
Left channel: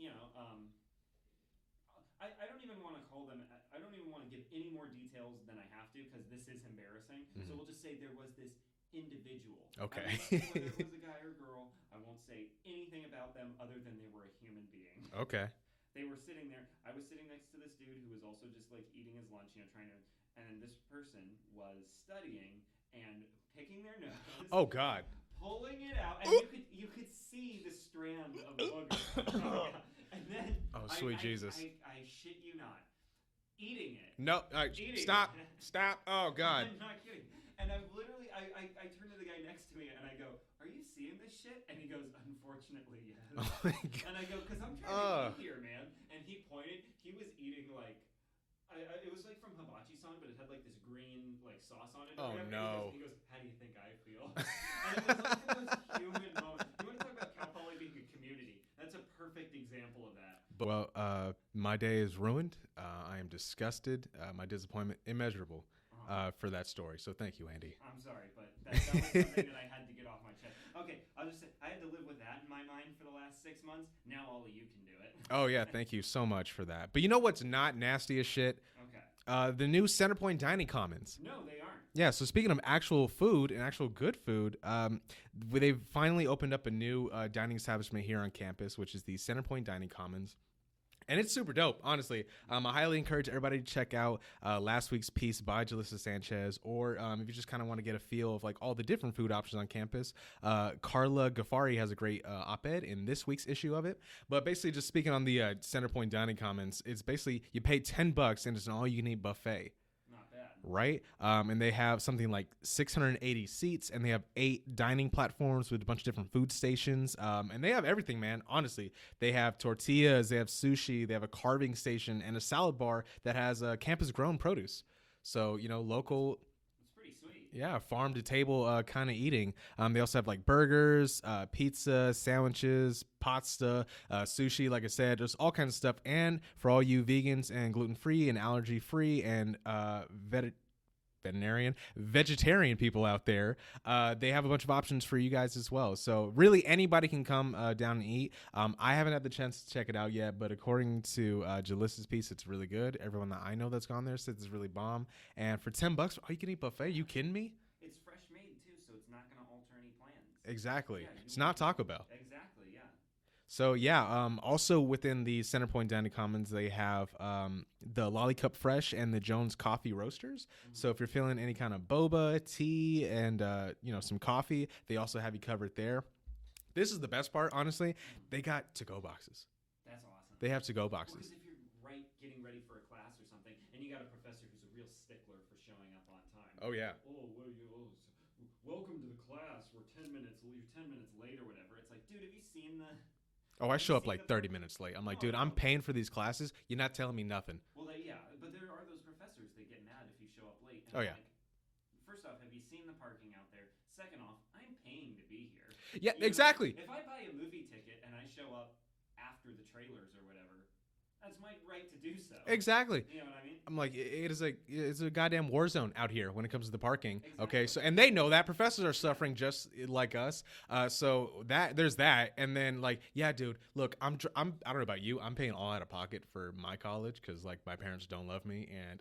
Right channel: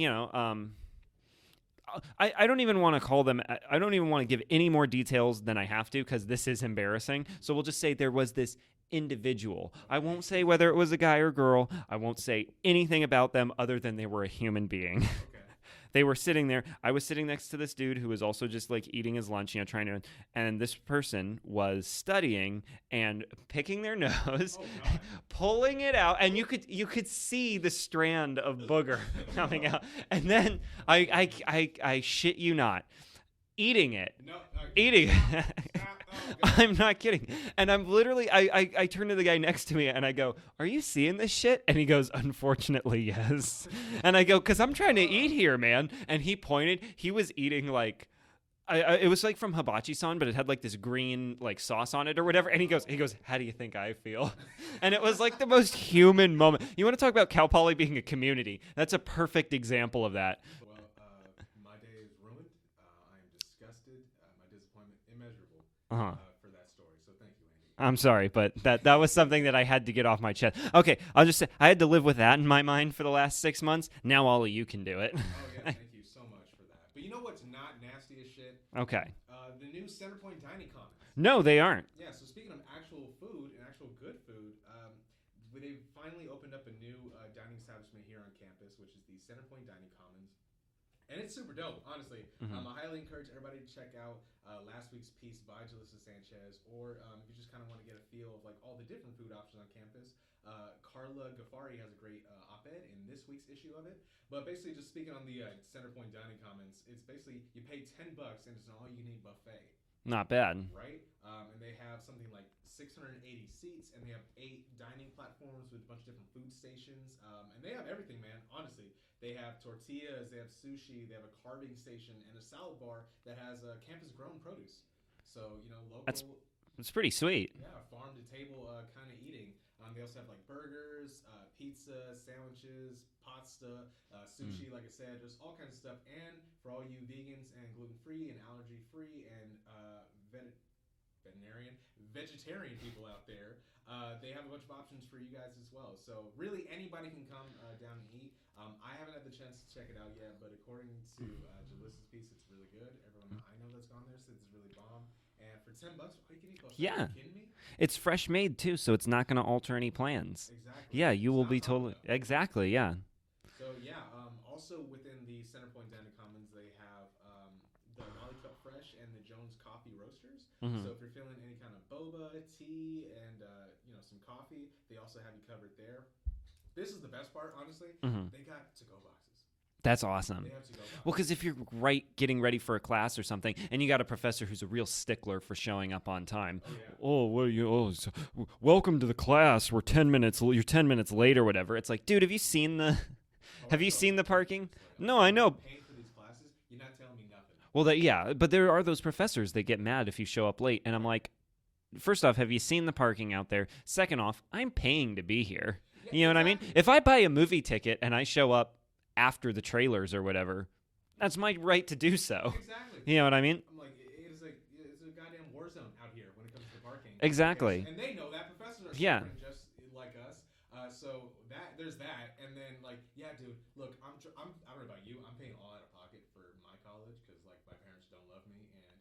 I don't even want to call them, I don't even want to give any more details than I have to because this is embarrassing. Mm-hmm. So we'll just say there was this individual. Okay. I won't say whether it was a guy or girl. I won't say anything about them other than they were a human being. Okay. They were sitting there. I was sitting next to this dude who was also just like eating his lunch, and this person was studying and picking their nose. Oh God. Pulling it out, and you could see the strand of booger coming out. And then I shit you not, eating it. No, eating. Stop. Oh God. I'm not kidding. And I'm literally, I turn to the guy next to me and I go, "Are you seeing this shit?" And he goes, "Unfortunately, yes." And I go, "Cause I'm trying to eat here, man." And he pointed. He was eating like, it was like from hibachi-san, but it had like this green like sauce on it or whatever. And he goes, "How do you think I feel?" And it was like the most human moment. You want to talk about Cal Poly being a community? That's a perfect example of that. Well, my day is ruined. I am disgusted. My disappointment immeasurable for that story. So thank you, Andy. I'm sorry, but that was something that I had to get off my chest. Okay, I'll just say I had to live with that in my mind for the last 6 months. Now all of you can do it. Oh, yeah. Thank you so much for that. But you know what's not nasty as shit? Okay. The new Centerpoint Dining Commons. No, they aren't. Yeah, so speaking of actual food and actual good food, they've finally opened up a new dining establishment here on campus, which is the Centerpoint Dining Commons. And it's super dope, honestly. I highly encourage everybody to check out last week's piece by Jalissa Sanchez, or if you just kind of want to get a feel of like all the different food options on campus, Carla Ghaffari has a great op-ed in this week's issue of it. But basically, just speaking on the Centerpoint Dining Commons, it's basically you pay $10 and it's an all-you-can-eat buffet. Not bad. Right? And they have something like 680 seats, and they have 8 dining platforms with a bunch of different food stations. And they have everything, man. Honestly, they have tortillas, they have sushi, they have a carving station, and a salad bar that has campus-grown produce. So, local... It's pretty sweet. Yeah, farm to table kind of eating. They also have like burgers, pizza, sandwiches, pasta, sushi, like I said, just all kinds of stuff. And for all you vegans and gluten-free and allergy-free and vegetarian people out there, they have a bunch of options for you guys as well. So really anybody can come down and eat. I haven't had the chance to check it out yet, but according to Jalissa's piece, it's really good. Everyone that I know that's gone there says it's really bomb. And for $10, all you can eat buffet. Yeah. Are you kidding me? It's fresh made too, so it's not going to alter any plans. Exactly. Yeah, you it's will not be Taco told. Bell. Exactly. Yeah. So yeah, also within the Centerpoint Dining Commons, they have the Lollicup Fresh and the Jones Coffee Roasters. So if you're feeling any kind of boba, tea, and some coffee, they also have you covered there. This is the best part, honestly. They got to-go boxes. That's awesome. They have to-go boxes. Well, because if you're getting ready for a class or something, and you got a professor who's a real stickler for showing up on time. Oh yeah. Oh, well, welcome to the class. You're 10 minutes late or whatever. It's like, dude, have you seen the? Have you seen the parking? No, I know. I'm paying for these classes. You're not telling me nothing. Well, but there are those professors that get mad if you show up late, and I'm like, first off, have you seen the parking out there? Second off, I'm paying to be here. Yeah, you know exactly. what I mean? If I buy a movie ticket and I show up after the trailers or whatever, that's my right to do so. Exactly. You know what I mean? I'm like, it's a goddamn war zone out here when it comes to the parking. Exactly. Okay, and they know that. Professors are suffering just like us. So there's that. And then yeah, dude, look, I don't know about you. I'm paying all out of pocket for my college because my parents don't love me and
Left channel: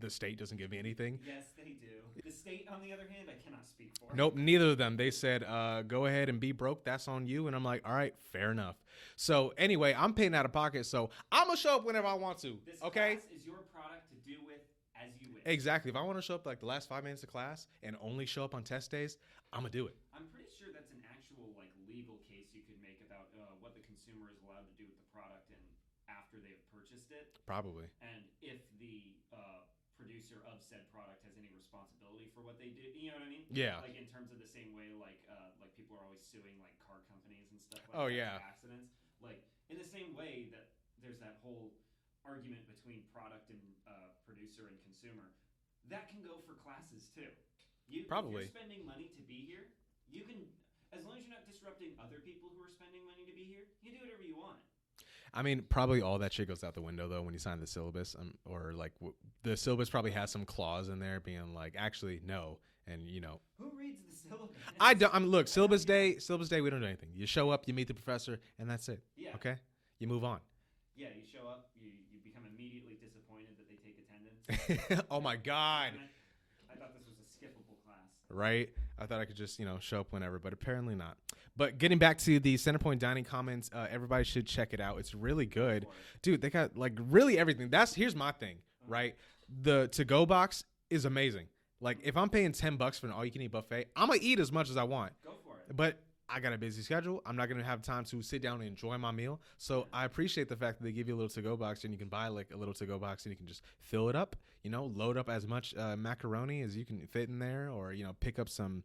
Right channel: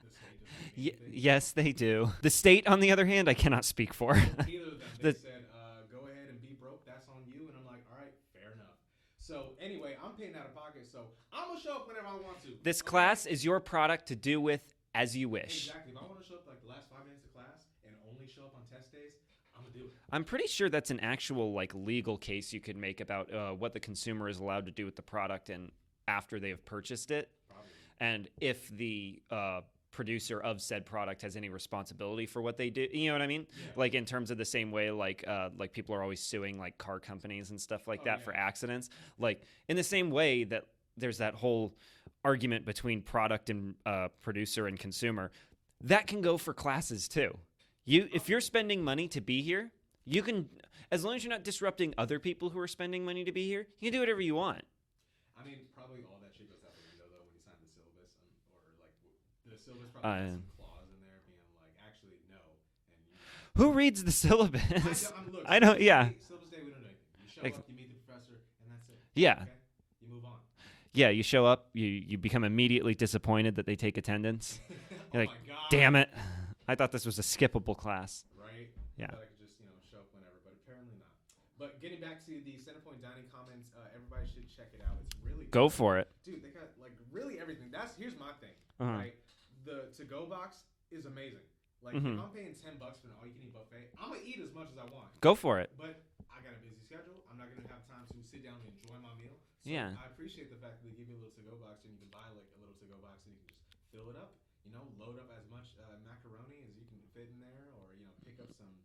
the state doesn't give me anything. Yes, they do. The state, on the other hand, I cannot speak for. Nope, neither of them. They said, go ahead and be broke. That's on you. And I'm like, all right, fair enough. So anyway, I'm paying out of pocket, so I'm going to show up whenever I want to. This class is your product to do with as you wish. Exactly. If I want to show up the last 5 minutes of class and only show up on test days, I'm going to do it. I'm pretty sure that's an actual legal case you could make about what the consumer is allowed to do with the product and after they have purchased it. Probably. And if the producer of said product has any responsibility for what they do, you know what I mean? Yeah. In terms of the same way people are always suing car companies and stuff for accidents. In the same way that there's that whole argument between product and producer and consumer, that can go for classes too. If you're spending money to be here, you can, as long as you're not disrupting other people who are spending money to be here, you can do whatever you want. I mean, probably all that shit goes out the window though when you sign the syllabus, or like the syllabus probably has some clause in there being like, actually no, and you know. Who reads the syllabus? I don't. Look, syllabus day, we don't do anything. You show up, you meet the professor, and that's it. Yeah. Okay. You move on. Yeah, you show up, you become immediately disappointed that they take attendance. Oh my God. Damn it. I thought this was a skippable class. Right? Yeah. I thought I could just, show up whenever, but apparently not. But getting back to the Centerpoint Dining comments, everybody should check it out. It's really good. Go for it. Dude, they got like really everything. Here's my thing, right? The to-go box is amazing. Like if I'm paying $10 for an all-you-can-eat buffet, I'm going to eat as much as I want. Go for it. But I got a busy schedule. I'm not going to have time to sit down and enjoy my meal. So I appreciate the fact that they give you a little to-go box and you can buy like a little to-go box and you can just fill it up, load up as much macaroni as you can fit in there, or, pick up some,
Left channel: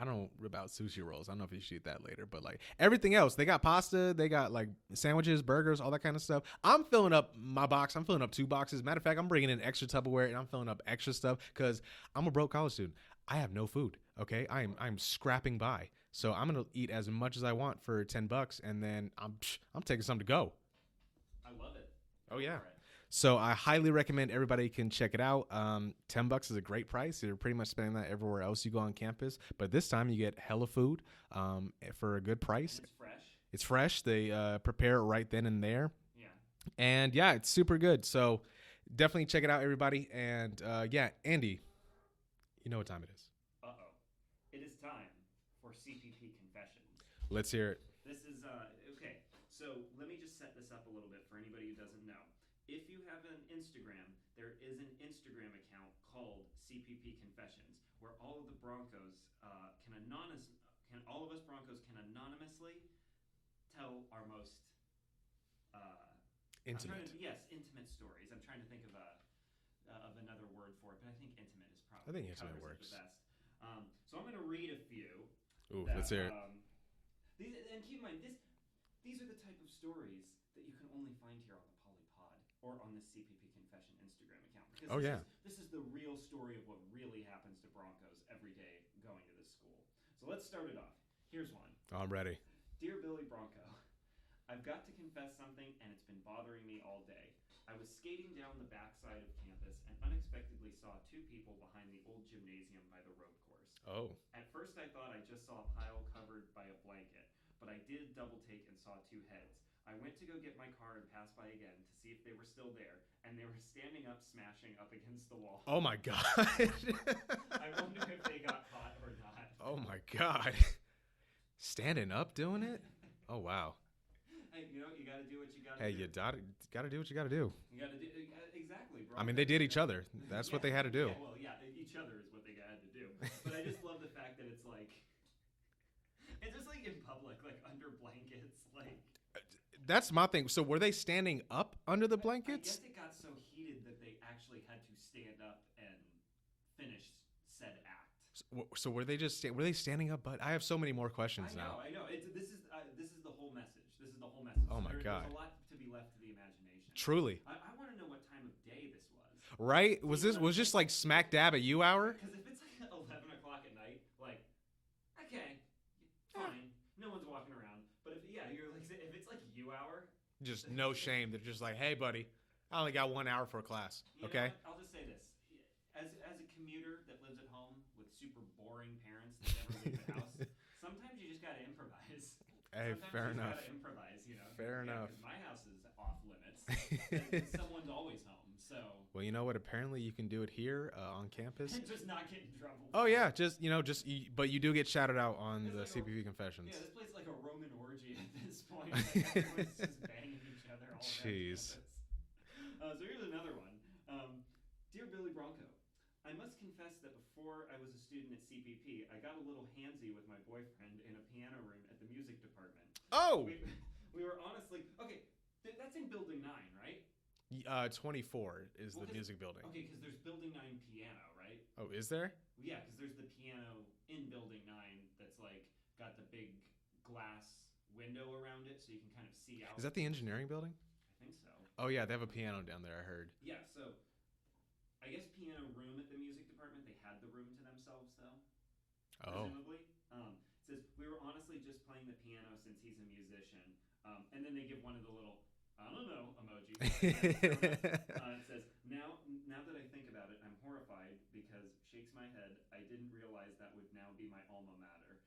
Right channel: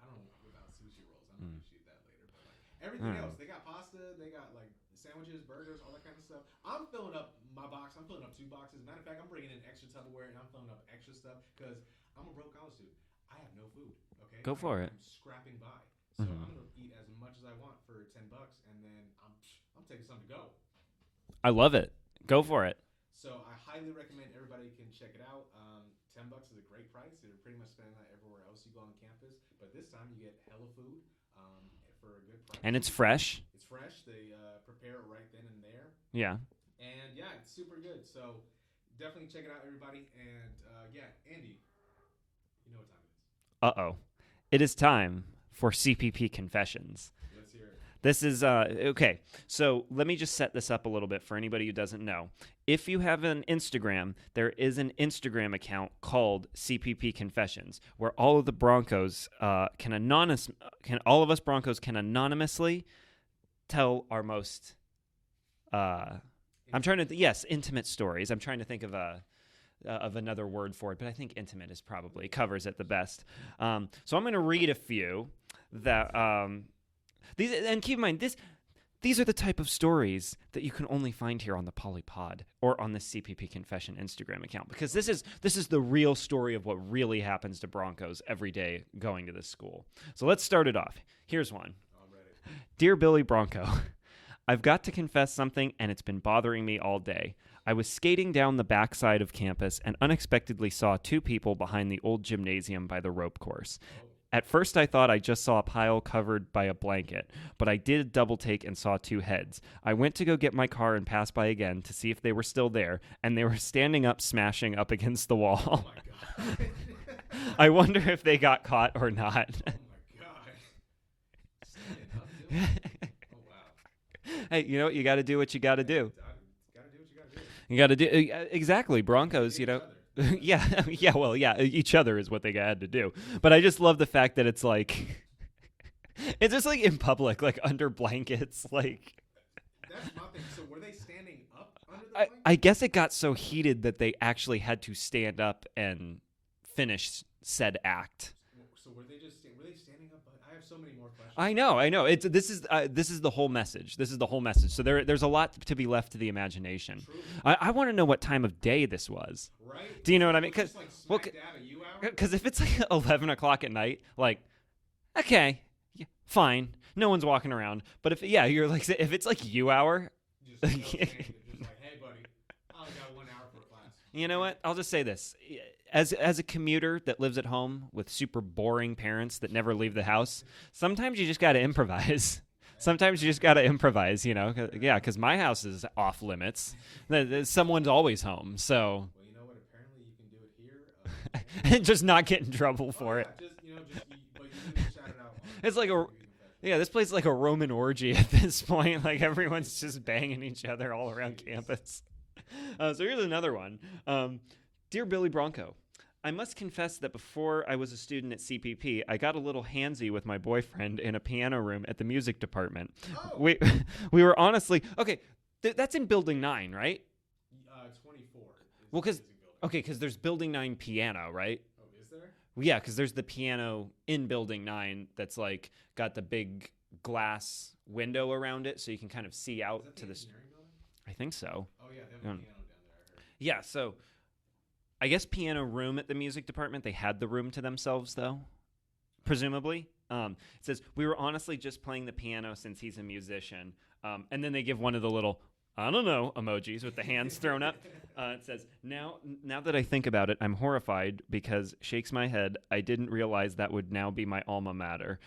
I don't know about sushi rolls. I don't know if you should eat that later, but like everything else, they got pasta, they got like sandwiches, burgers, all that kind of stuff. I'm filling up my box. I'm filling up 2 boxes. Matter of fact, I'm bringing in extra Tupperware and I'm filling up extra stuff because I'm a broke college student. I have no food. Okay. I'm scrapping by. So I'm going to eat as much as I want for $10 and then I'm taking some to go. I love it. Go for it. So I highly recommend everybody can check it out. $10 is a great price. You're pretty much spending that everywhere else you go on campus. But this time you get hella food for a good price. And it's fresh. It's fresh. They prepare it right then and there. Yeah. And yeah, it's super good. So definitely check it out, everybody. And Andy, you know what time it is. Uh-oh. It is time for CPP Confessions. Let's hear it. This is, okay, so let me just set this up a little bit for anybody who doesn't know. If you have an Instagram, there is an Instagram account called CPP Confessions, where all of the Broncos all of us Broncos can anonymously tell our most, intimate stories. I'm trying to think of another word for it, but I think intimate is probably covers it the best. So I'm going to read a few that these, and keep in mind these are the type of stories that you can only find here on the Polypod or on the CPP Confession Instagram account, because this is the real story of what really happens to Broncos every day going to this school. So let's start it off. Here's one. I'm ready. Dear Billy Bronco, I've got to confess something, and it's been bothering me all day. I was skating down the backside of campus and unexpectedly saw 2 people behind the old gymnasium by the rope course. Oh. At first, I thought I just saw a pile covered by a blanket, but I did a double take and saw 2 heads. I went to go get my car and pass by again to see if they were still there, and they were standing up, smashing up against the wall. Oh, my God. I wonder if they got caught or not. Oh, my God. Standing up doing it? Oh, wow. Hey, you know what? You got to do what you got to do. Got to do what you got to do. You got to do exactly. Broncos. I mean, they did each other. Each other is what they had to do. But I just love the fact that it's like, it's just like in public, like under blankets, like. That's my thing. So were they standing up under the blanket? I guess it got so heated that they actually had to stand up and finish said act. So were they standing up? But I have so many more questions. I know. This is the whole message. This is the whole message. So there's a lot to be left to the imagination. Truly. I want to know what time of day this was. Right? Do you know what I mean? Was just like smack dab at you hour? Because if it's like 11 o'clock at night, like, okay, fine, no one's walking around. But if it's like you hour, just no shame. They're just like, hey, buddy, I only got 1 hour for a class. You know what? I'll just say this. As a commuter that lives at home with super boring parents that never leave the house, sometimes you just got to improvise. Sometimes you just got to improvise, because my house is off limits. Someone's always home, so. Well, you know what? Apparently you can do it here on campus. And just not get in trouble for it. But you do get shouted out on it's like CPP Confessions. Yeah, this place is like a Roman orgy at this point. Like everyone's just banging each other all around campus. So here's another one. Dear Billy Bronco, I must confess that before I was a student at CPP, I got a little handsy with my boyfriend in a piano room at the music department. Oh! We were honestly... Okay, that's in Building 9, right? 24 is the music building. Okay, because there's Building 9 piano, right? Oh, is there? Yeah, because there's the piano in Building 9 that's like got the big glass window around it so you can kind of see out. Is that the engineering building? I think so. Oh, yeah, they have a piano down there, I heard. Yeah, so I guess piano room at the music department, they had the room to themselves, though, presumably. It says, we were honestly just playing the piano since he's a musician. And then they give one of the little I don't know, emojis with the hands thrown up. It says, now that I think about it, I'm horrified because shakes my head. I didn't realize that would now be my alma mater.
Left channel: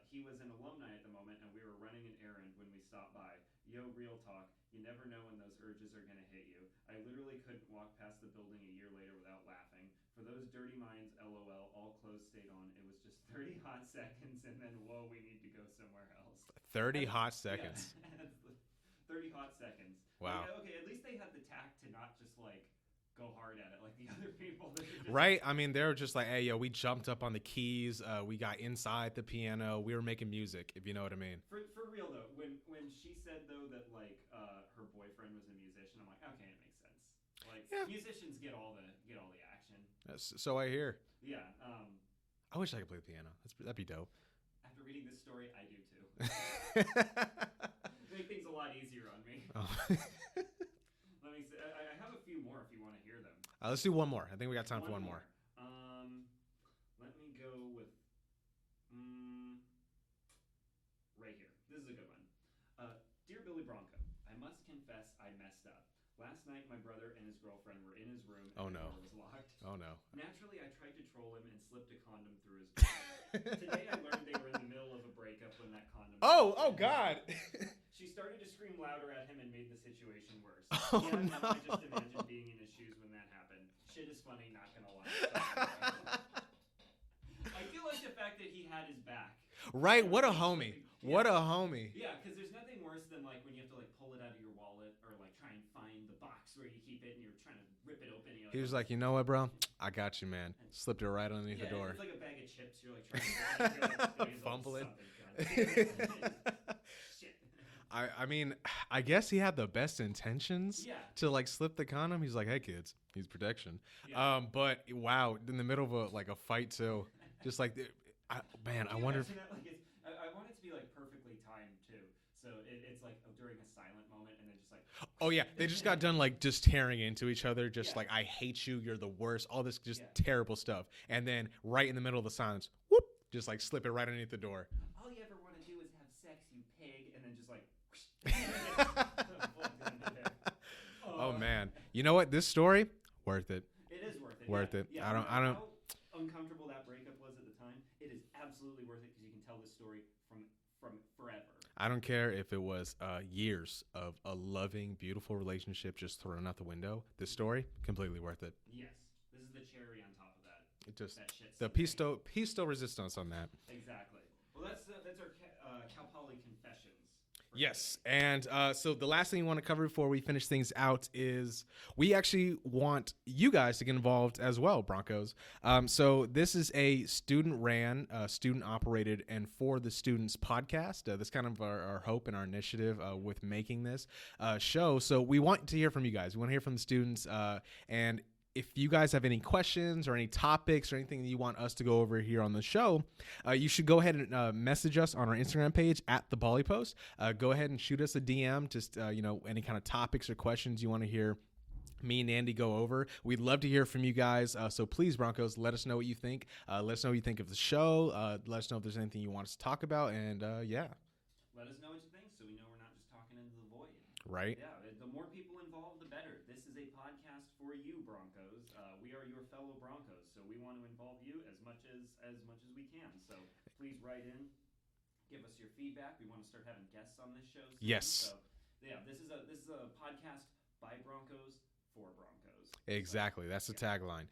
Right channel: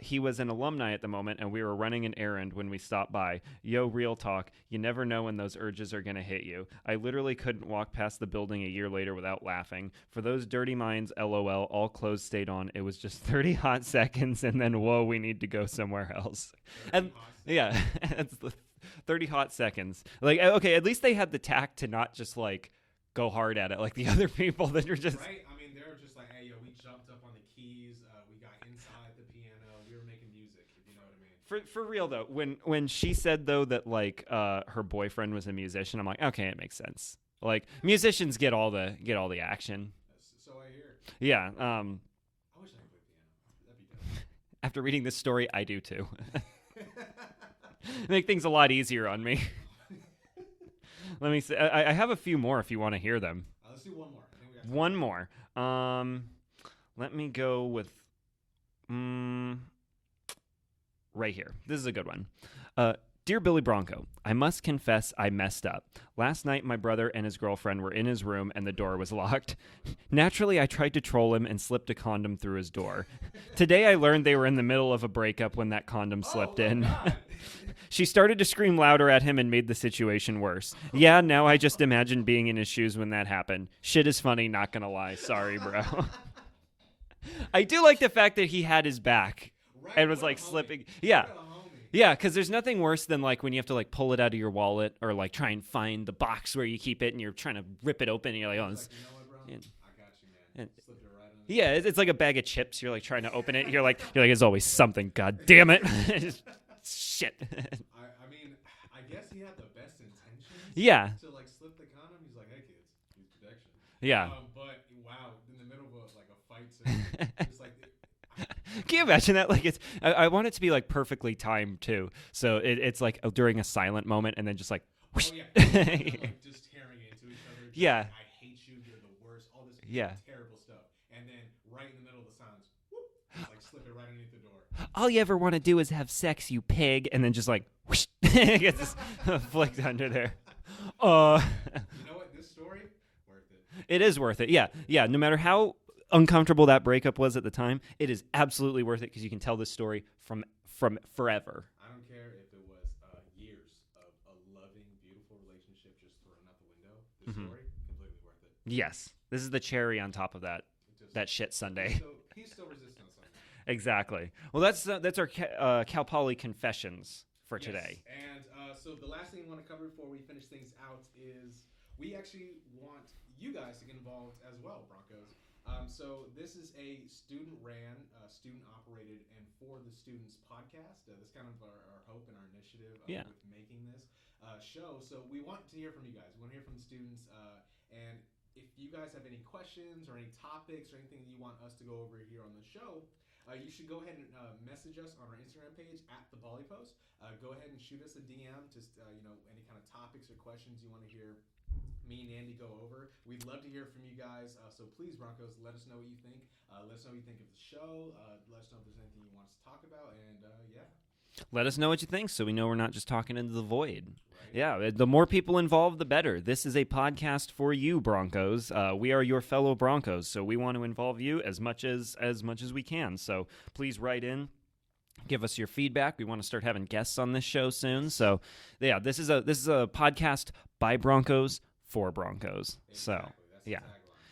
He was an alumni at the moment, and we were running an errand when we stopped by. Yo, real talk. You never know when those urges are going to hit you. I literally couldn't walk past the building a year later without laughing. For those dirty minds, LOL, all clothes stayed on. It was just 30 hot seconds, and then, whoa, we need to go somewhere else. 30 hot seconds. Yeah, that's the 30 hot seconds. Like, okay, at least they had the tact to not just, like, go hard at it like the other people that are just... Right? I mean, they were just like, hey, yo, we jumped up on the keys. We got inside the piano. We were making music, if you know what I mean. For real, though, when she said, though, that, like, her boyfriend was a musician, I'm like, okay, it makes sense. Like, musicians get all the action. So I hear. Yeah. I wish I could play the piano. That'd be dope. After reading this story, I do, too. Make things a lot easier on me. Oh. Let me see. I have a few more if you want to hear them. Let's do one more. I think we got time one for more. Let me go with right here. This is a good one. Dear Billy Bronco, I must confess I messed up. Last night, my brother and his girlfriend were in his room and the door was locked. Oh, no. Naturally, I tried to troll him and slipped a condom through his door. Today, I learned they were in the middle of a breakup when that condom slipped in. God. She started to scream louder at him and made the situation worse. Yeah, now I just imagine being in his shoes when that happened. Shit is funny, not gonna lie. Sorry, bro. I do like the fact that he had his back. Right, and was what like a homie. slipping. Yeah. What a homie. Yeah, because there's nothing worse than like when you have to like pull it out of your wallet or like try and find the box where you keep it and you're trying to rip it open and you're like, He's like, you know what, bro? I got you, man. Slipped it right on the Yeah, it's like a bag of chips. You're like trying to open it. You're like, there's always something. God damn it. Shit. I mean, I guess he had the best intentions. Yeah. To like slip the condom. He's like, hey kids, needs protection. Yeah. But wow, in the middle of a fight too, just like. Man, can you imagine that? Like, I want it to be like perfectly timed too. So it's like during a silent moment, and then just like, whoosh. Oh yeah, they just got done like just tearing into each other. Just like, I hate you, you're the worst. All this just terrible stuff, and then right in the middle of the silence, whoop, just like slip it right underneath the door. All you ever want to do is have sex, you pig, and then just like, whoosh, gets flicked under there. Oh man, you know what? This story. Worth it. It is worth it. Yeah. No matter how uncomfortable that breakup was at the time, it is absolutely worth it because you can tell this story from forever. I don't care if it was years of a loving, beautiful relationship just thrown out the window. This story, completely worth it. Yes. This is the cherry on top of that shit Sunday. Peace still resistance on that. Exactly. Well, that's our Cal Poly confessions. Today. And so the last thing we want to cover before we finish things out is we actually want you guys to get involved as well, Broncos. So this is a student-ran, student-operated, and for the students podcast. That's kind of our hope and our initiative with making this show. So we want to hear from you guys. We want to hear from the students, and if you guys have any questions or any topics or anything that you want us to go over here on the show, you should go ahead and message us on our Instagram page at the Poly Post. Go ahead and shoot us a DM, just any kind of topics or questions you want to hear me and Andy go over. We'd love to hear from you guys. So please, Broncos, let us know what you think. Let us know what you think of the show. Let us know if there's anything you want us to talk about. And let us know what you think so we know we're not just talking into the void. Right. Yeah, the more people involved, the better. This is a podcast for you, Broncos. We are your fellow Broncos, so we want to involve you as much as we can. So please write in. Give us your feedback. We want to start having guests on this show soon. Yes. So, yeah, this is a podcast by Broncos for Broncos. Exactly. That's the tagline.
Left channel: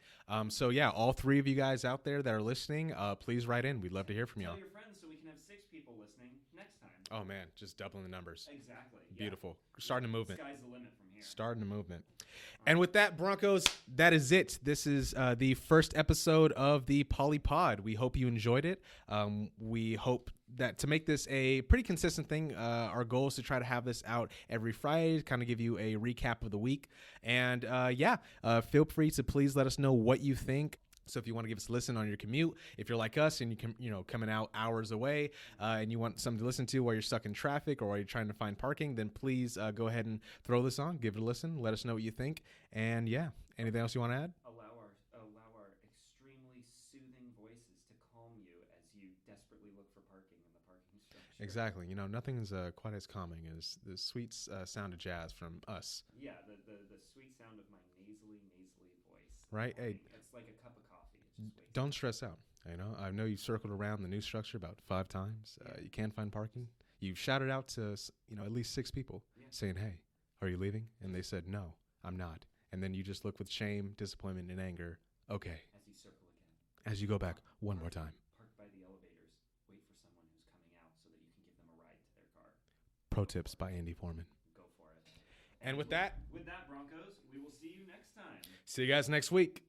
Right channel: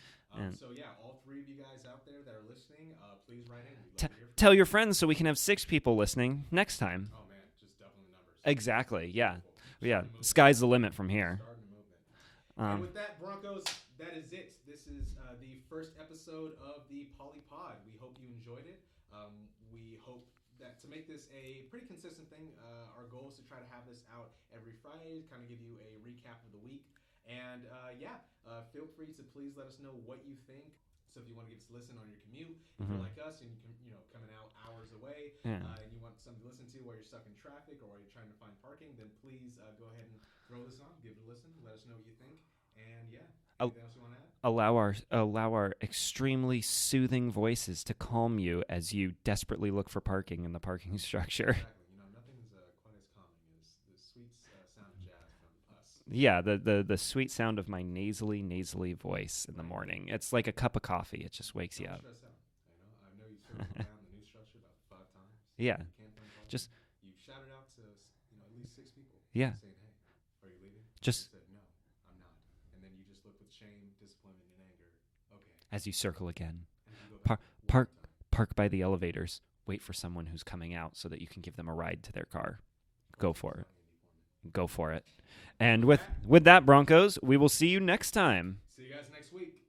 So, all three of you guys out there that are listening, please write in. We'd love to hear from you. Tell your friends so we can have 6 people listening next time. Oh, man, just doubling the numbers. Exactly, yeah. Beautiful. Starting a movement. Sky's the limit from here. Starting a movement. And with that, Broncos, that is it. This is the first episode of the Polypod. We hope you enjoyed it. We hope that to make this a pretty consistent thing, our goal is to try to have this out every Friday to kind of give you a recap of the week. And feel free to please let us know what you think. So if you want to give us a listen on your commute, if you're like us and you can, coming out hours away and you want something to listen to while you're stuck in traffic or while you're trying to find parking, then please go ahead and throw this on, give it a listen, let us know what you think. And Anything else you want to add? Allow our extremely soothing voices to calm you as you desperately look for parking in the parking structure. Exactly. Nothing's quite as calming as the sweet sound of jazz from us. Yeah, the sweet sound of my nasally voice in the morning. Hey, it's like a cup of coffee. It just wakes you up. Don't stress out. I know you've circled around the new structure about 5 times. Yeah. You can't find parking. You've shouted out to at least 6 people. Yeah. Saying, "Hey, are you leaving?" And they said, "No, I'm not." And then you just look with shame, disappointment, and anger. Okay. As you circle again. As you go back one more time. Park by the elevators. Wait for someone who's coming out so that you can give them a ride to their car. Pro Go tips for it. by Andy Foreman. Go for it. And with that, Broncos, we will see you next time. See you guys next week.